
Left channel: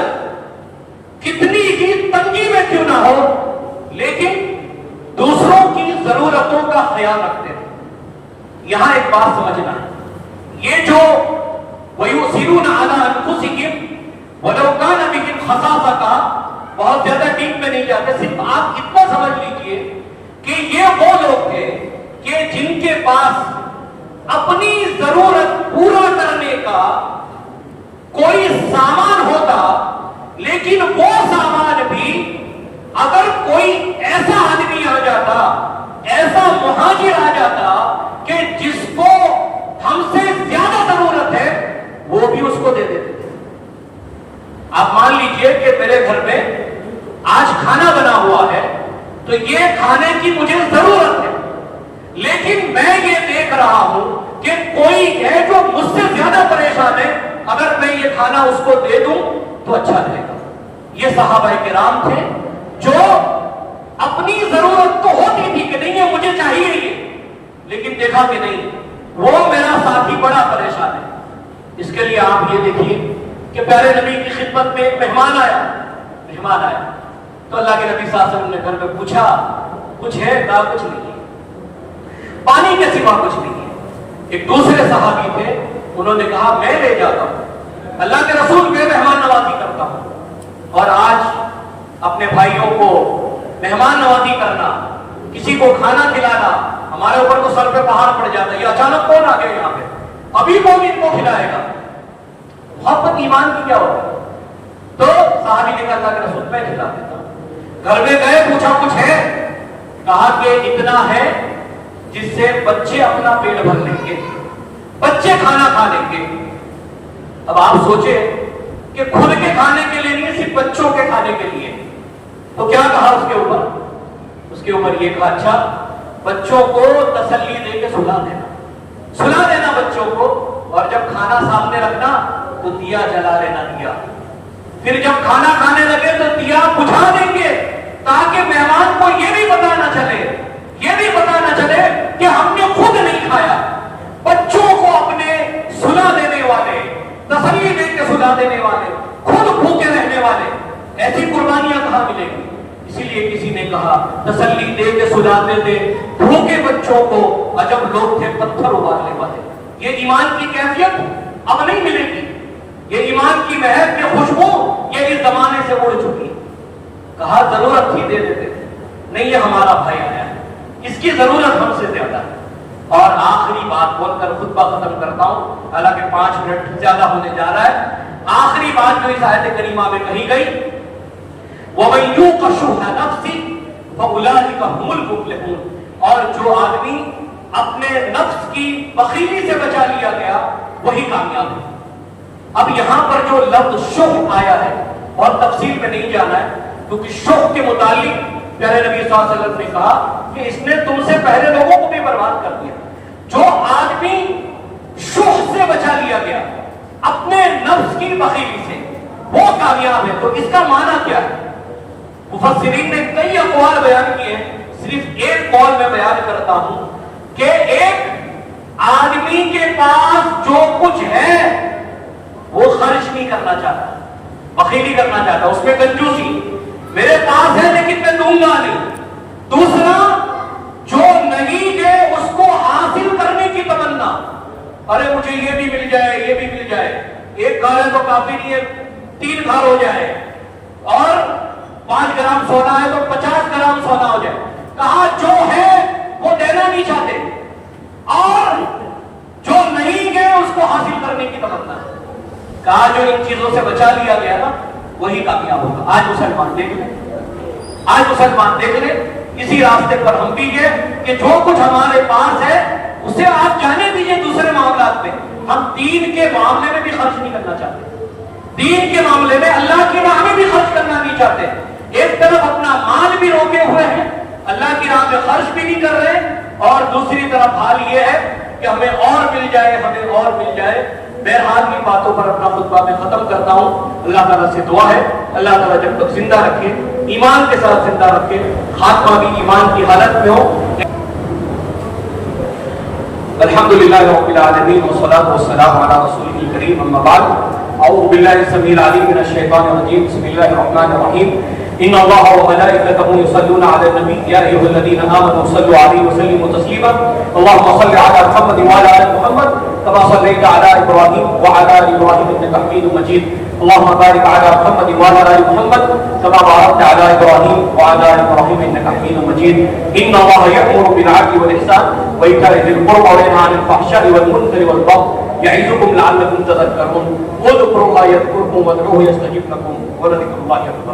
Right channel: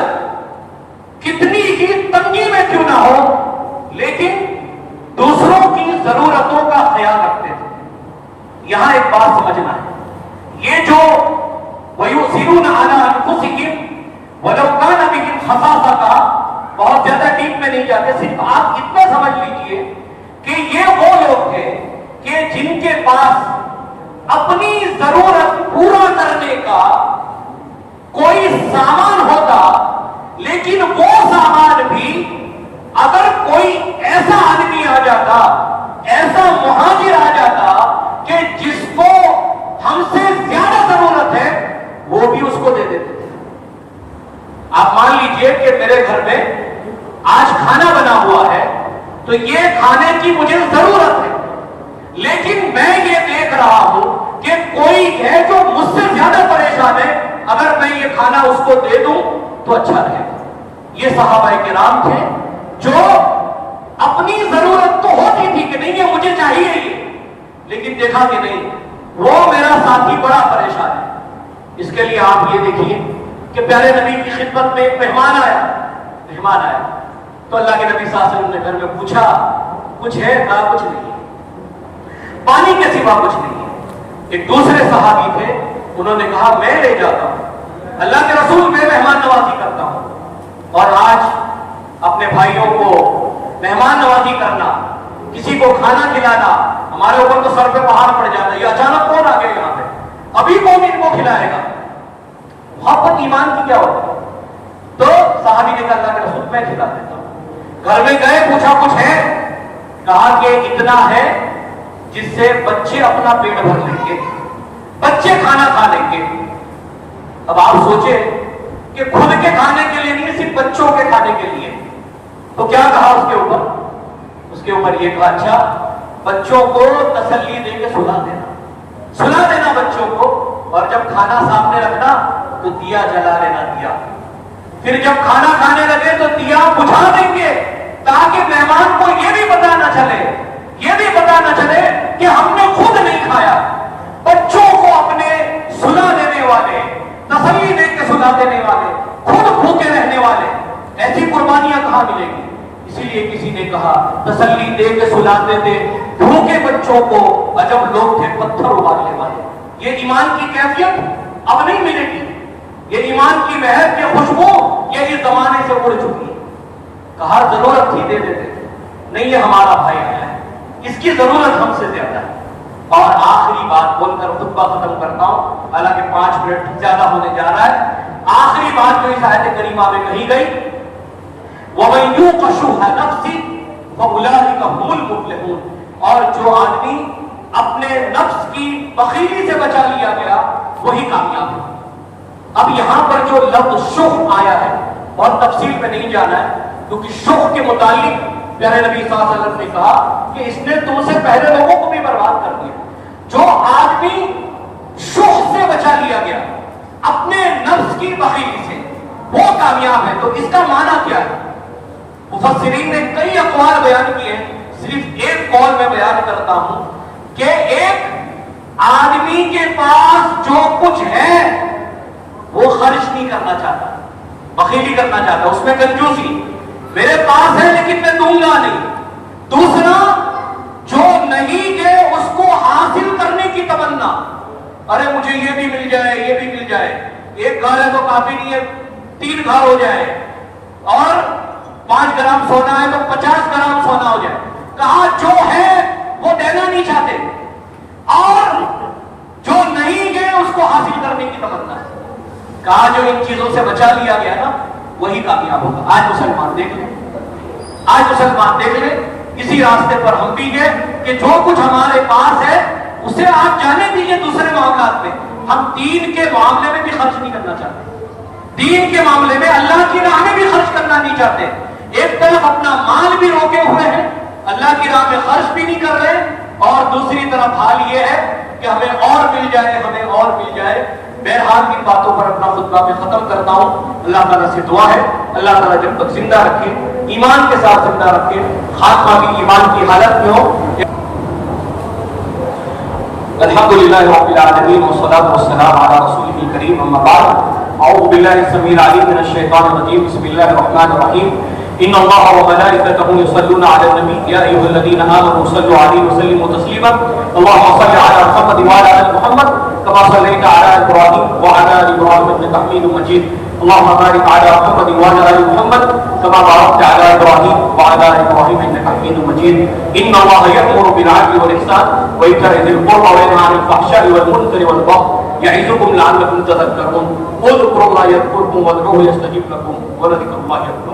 کتنی ہی تنگی میں کیوں نہ ہو لیکن دوسروں کی ضرورتوں کا خیال رکھتے تھے. یہاں ایک بات سمجھنا ہے، یہ جو وَيُؤْثِرُونَ عَلَىٰ أَنفُسِهِمْ وَلَوْ كَانَ بِهِمْ خَصَاصَةٌ کا بہت زیادہ ڈیپ میں نہیں جاتے، صرف آپ اتنا سمجھ لیجئے کہ یہ وہ لوگ تھے کہ جن کے پاس اپنی ضرورت پورا کرنے کا کوئی سامان ہوتا لیکن وہ سامان بھی اگر کوئی ایسا آدمی آ جاتا، ایسا مہاجر آ جاتا کہ جس کو ہم سے زیادہ ضرورت ہے وہ بھی اس کو دے دیتے تھے. آپ مان لیجئے کہ میرے گھر میں آج کھانا بنا ہوا ہے تو یہ کھانے کی مجھے ضرورت ہے، لیکن میں یہ دیکھ رہا ہوں کہ کوئی ہے جو مجھ سے زیادہ پریشان ہے، اگر میں یہ کھانا اس کو دے دوں تو اچھا رہے گا. یہ صحابہ کرام تھے جو اپنی ضرورت تو ہوتی تھی کہ نہیں یہ مجھے چاہیے یہ، لیکن دیکھا کہ نہیں وہ میرا ساتھی بڑا پریشان ہے. اس کے لیے آپ یہ دیکھیے کہ پیارے نبی کی خدمت میں ایک مہمان آیا تو اللہ کے نبی صلی اللہ علیہ وسلم نے گھر میں پوچھا کچھ ہے؟ کہا کچھ نہیں ہے، پانی کے سوا کچھ نہیں ہے. ایک دوسرے صحابی تھے، انہوں نے کہا میں لے جاتا ہوں، اللہ کے رسول میں مہمان نوازی کرتا ہوں. اور آج اپنے بھائیوں کو مہمان نوازی کرنا، کسی کو کھانا کھلانا، ہمارے اوپر تو سر پہ پہاڑ پڑ جاتا ہے. یہ اچانک کون آ گیا یہاں پہ، ابھی کون ان کو کھلائے گا؟ محبت ایمان کی کیا ہوتی ہے؟ تو صحابی نے کہا اللہ کے رسول میں کھلا دیتا ہوں. گھر میں گئے، پوچھا کچھ ہے؟ کہا کہ اتنا ہے جس سے بچے اپنا پیٹ بھر لیں گے، بچے کھانا کھا لیں گے. اب آپ سوچیں کہ خود کے کھانے کے لیے نہیں، صرف بچوں کے کھانے کے لیے. تو کیا کہا اس کے اوپر؟ اس کے اوپر یہ کہا اچھا بچوں کو تسلی دے کے سلا دینا بچوں کو، اور جب کھانا سامنے رکھنا تو دیا جلا لینا دیا. پھر جب کھانا کھانے لگے تو دیا بجھا دیں گے تاکہ مہمان کو یہ بھی پتا نہ چلے یہ بھی پتا نہ چلے کہ ہم نے خود نہیں کھایا. بچوں کو اپنے سلا دینے والے, تسلی دے کے سلا دینے والے, خود بھوکے رہنے والے, ایسی قربانیاں کہاں ملے گی؟ اسی لیے کسی نے کہا تسلی دے کے سلاتے تھے بھوکے بچوں کو, عجب لوگ تھے پتھر ابالنے والے. یہ ایمان کی کیفیت اب نہیں ملے گی. یہ ایمان کی مہک کی خوشبو یہ اس زمانے سے اڑ چکی ہے. کہا ضرورت تھی دے دیتے, نہیں یہ ہمارا بھائی ہے, اس کی ضرورت ہم سے زیادہ ہے. اور آخری بات بول کر خطبہ ختم کرتا ہوں, حالانکہ 5 منٹ زیادہ ہونے جا رہا ہے. آخری بات جو اس آیت کریمہ میں کہی گئی, وَمَن يُوقَ شُحَّ نَفْسِهِ فَأُولَٰئِكَ هُمُ الْمُفْلِحُونَ. اور جو آدمی اپنے نفس کی بخیلی سے بچا لیا گیا وہی کامیاب ہے. اب یہاں پر جو لفظ شح آیا ہے اور تفصیل میں نہیں جانا ہے, کیونکہ شح کے متعلق پیارے نبی صلی اللہ علیہ وسلم نے کہا کہ اس نے تم سے پہلے لوگوں کو بھی برباد کر دیا. جو آدمی شح سے بچا لیا گیا اپنے نفس کی بخیلی سے وہ کامیاب ہے. تو اس کا معنی کیا ہے؟ مفسرین نے کئی اقوال بیان کیے ہیں, صرف ایک قول میں بیان کرتا ہوں کہ ایک آدمی کے پاس جو کچھ ہے وہ خرچ نہیں کرنا چاہتا, بخیلی کرنا چاہتا, اس میں کنجوسی, میرے پاس ہے لیکن میں دوں گا نہیں. دوسرا جو نہیں ہے اس کو حاصل کرنے کی تمنا, ارے مجھے یہ بھی مل جائے, یہ بھی مل جائے, ایک گھر ہے تو کافی نہیں ہے 3 گھر ہو جائے, اور 5 گرام سونا ہے تو 50 گرام سونا ہو جائے. کہا جو ہے وہ دینا نہیں چاہتے, اور جو نہیں گئے اس کو حاصل کرنے کی تمنا ہے. کہا جو ان چیزوں سے بچا لیا گیا نا وہی کامیاب ہوگا. آج مسلمان دیکھ لیں, آج مسلمان دیکھ لیں, اسی راستے پر ہم بھی گئے کہ جو کچھ ہمارے پاس ہے اسے آپ جانے دیجئے دوسرے معاملات میں. ہم دین کے معاملے میں بھی خرچ نہیں کرنا چاہتے, دین کے معاملے میں اللہ کی راہ میں بھی خرچ کرنا نہیں چاہتے. ایک طرف اپنا مال بھی روکے ہوئے ہیں, اللہ کی راہ میں خرچ بھی نہیں کر رہے, اور دوسری طرف حال یہ ہے کہ ہمیں اور مل جائے, ہمیں اور مل جائے. بہرحال کی باتوں پر اپنا خطبہ میں ختم کرتا ہوں. اللہ تعالیٰ سے دعا ہے اللہ تعالیٰ جب تک زندہ رکھے, ایمان کے ساتھ زندہ رکھے, خاتمہ بھی ایمان کی حالت میں ہو. الحمدللہ رب العالمین والصلاۃ والسلام علی رسولہ الکریم, اما بعد. اعوذ باللہ السمیع العلیم من الشیطان الرجیم, بسم اللہ الرحمن الرحیم. ان اللہ وملائکتہ یصلون علی النبی یا ایھا الذین آمنوا صلوا علیہ وسلموا تسلیما. اللهم صل علی محمد وعلی آل محمد كما صليت على ابراهيم وعلى ال ابراهيم انك حميد مجيد. اللهم بارك على محمد وعلى ال محمد كما باركت على ابراهيم وعلى ال ابراهيم انك حميد مجيد. ان الله يأمر بالعدل والاحسان وإيتاء ذي القربى وينهى عن الفحشاء والمنكر والبغي يعظكم لعلكم تذكرون. اذكروا الله يذكركم وادعوه يستجب لكم ولذكر الله اكبر.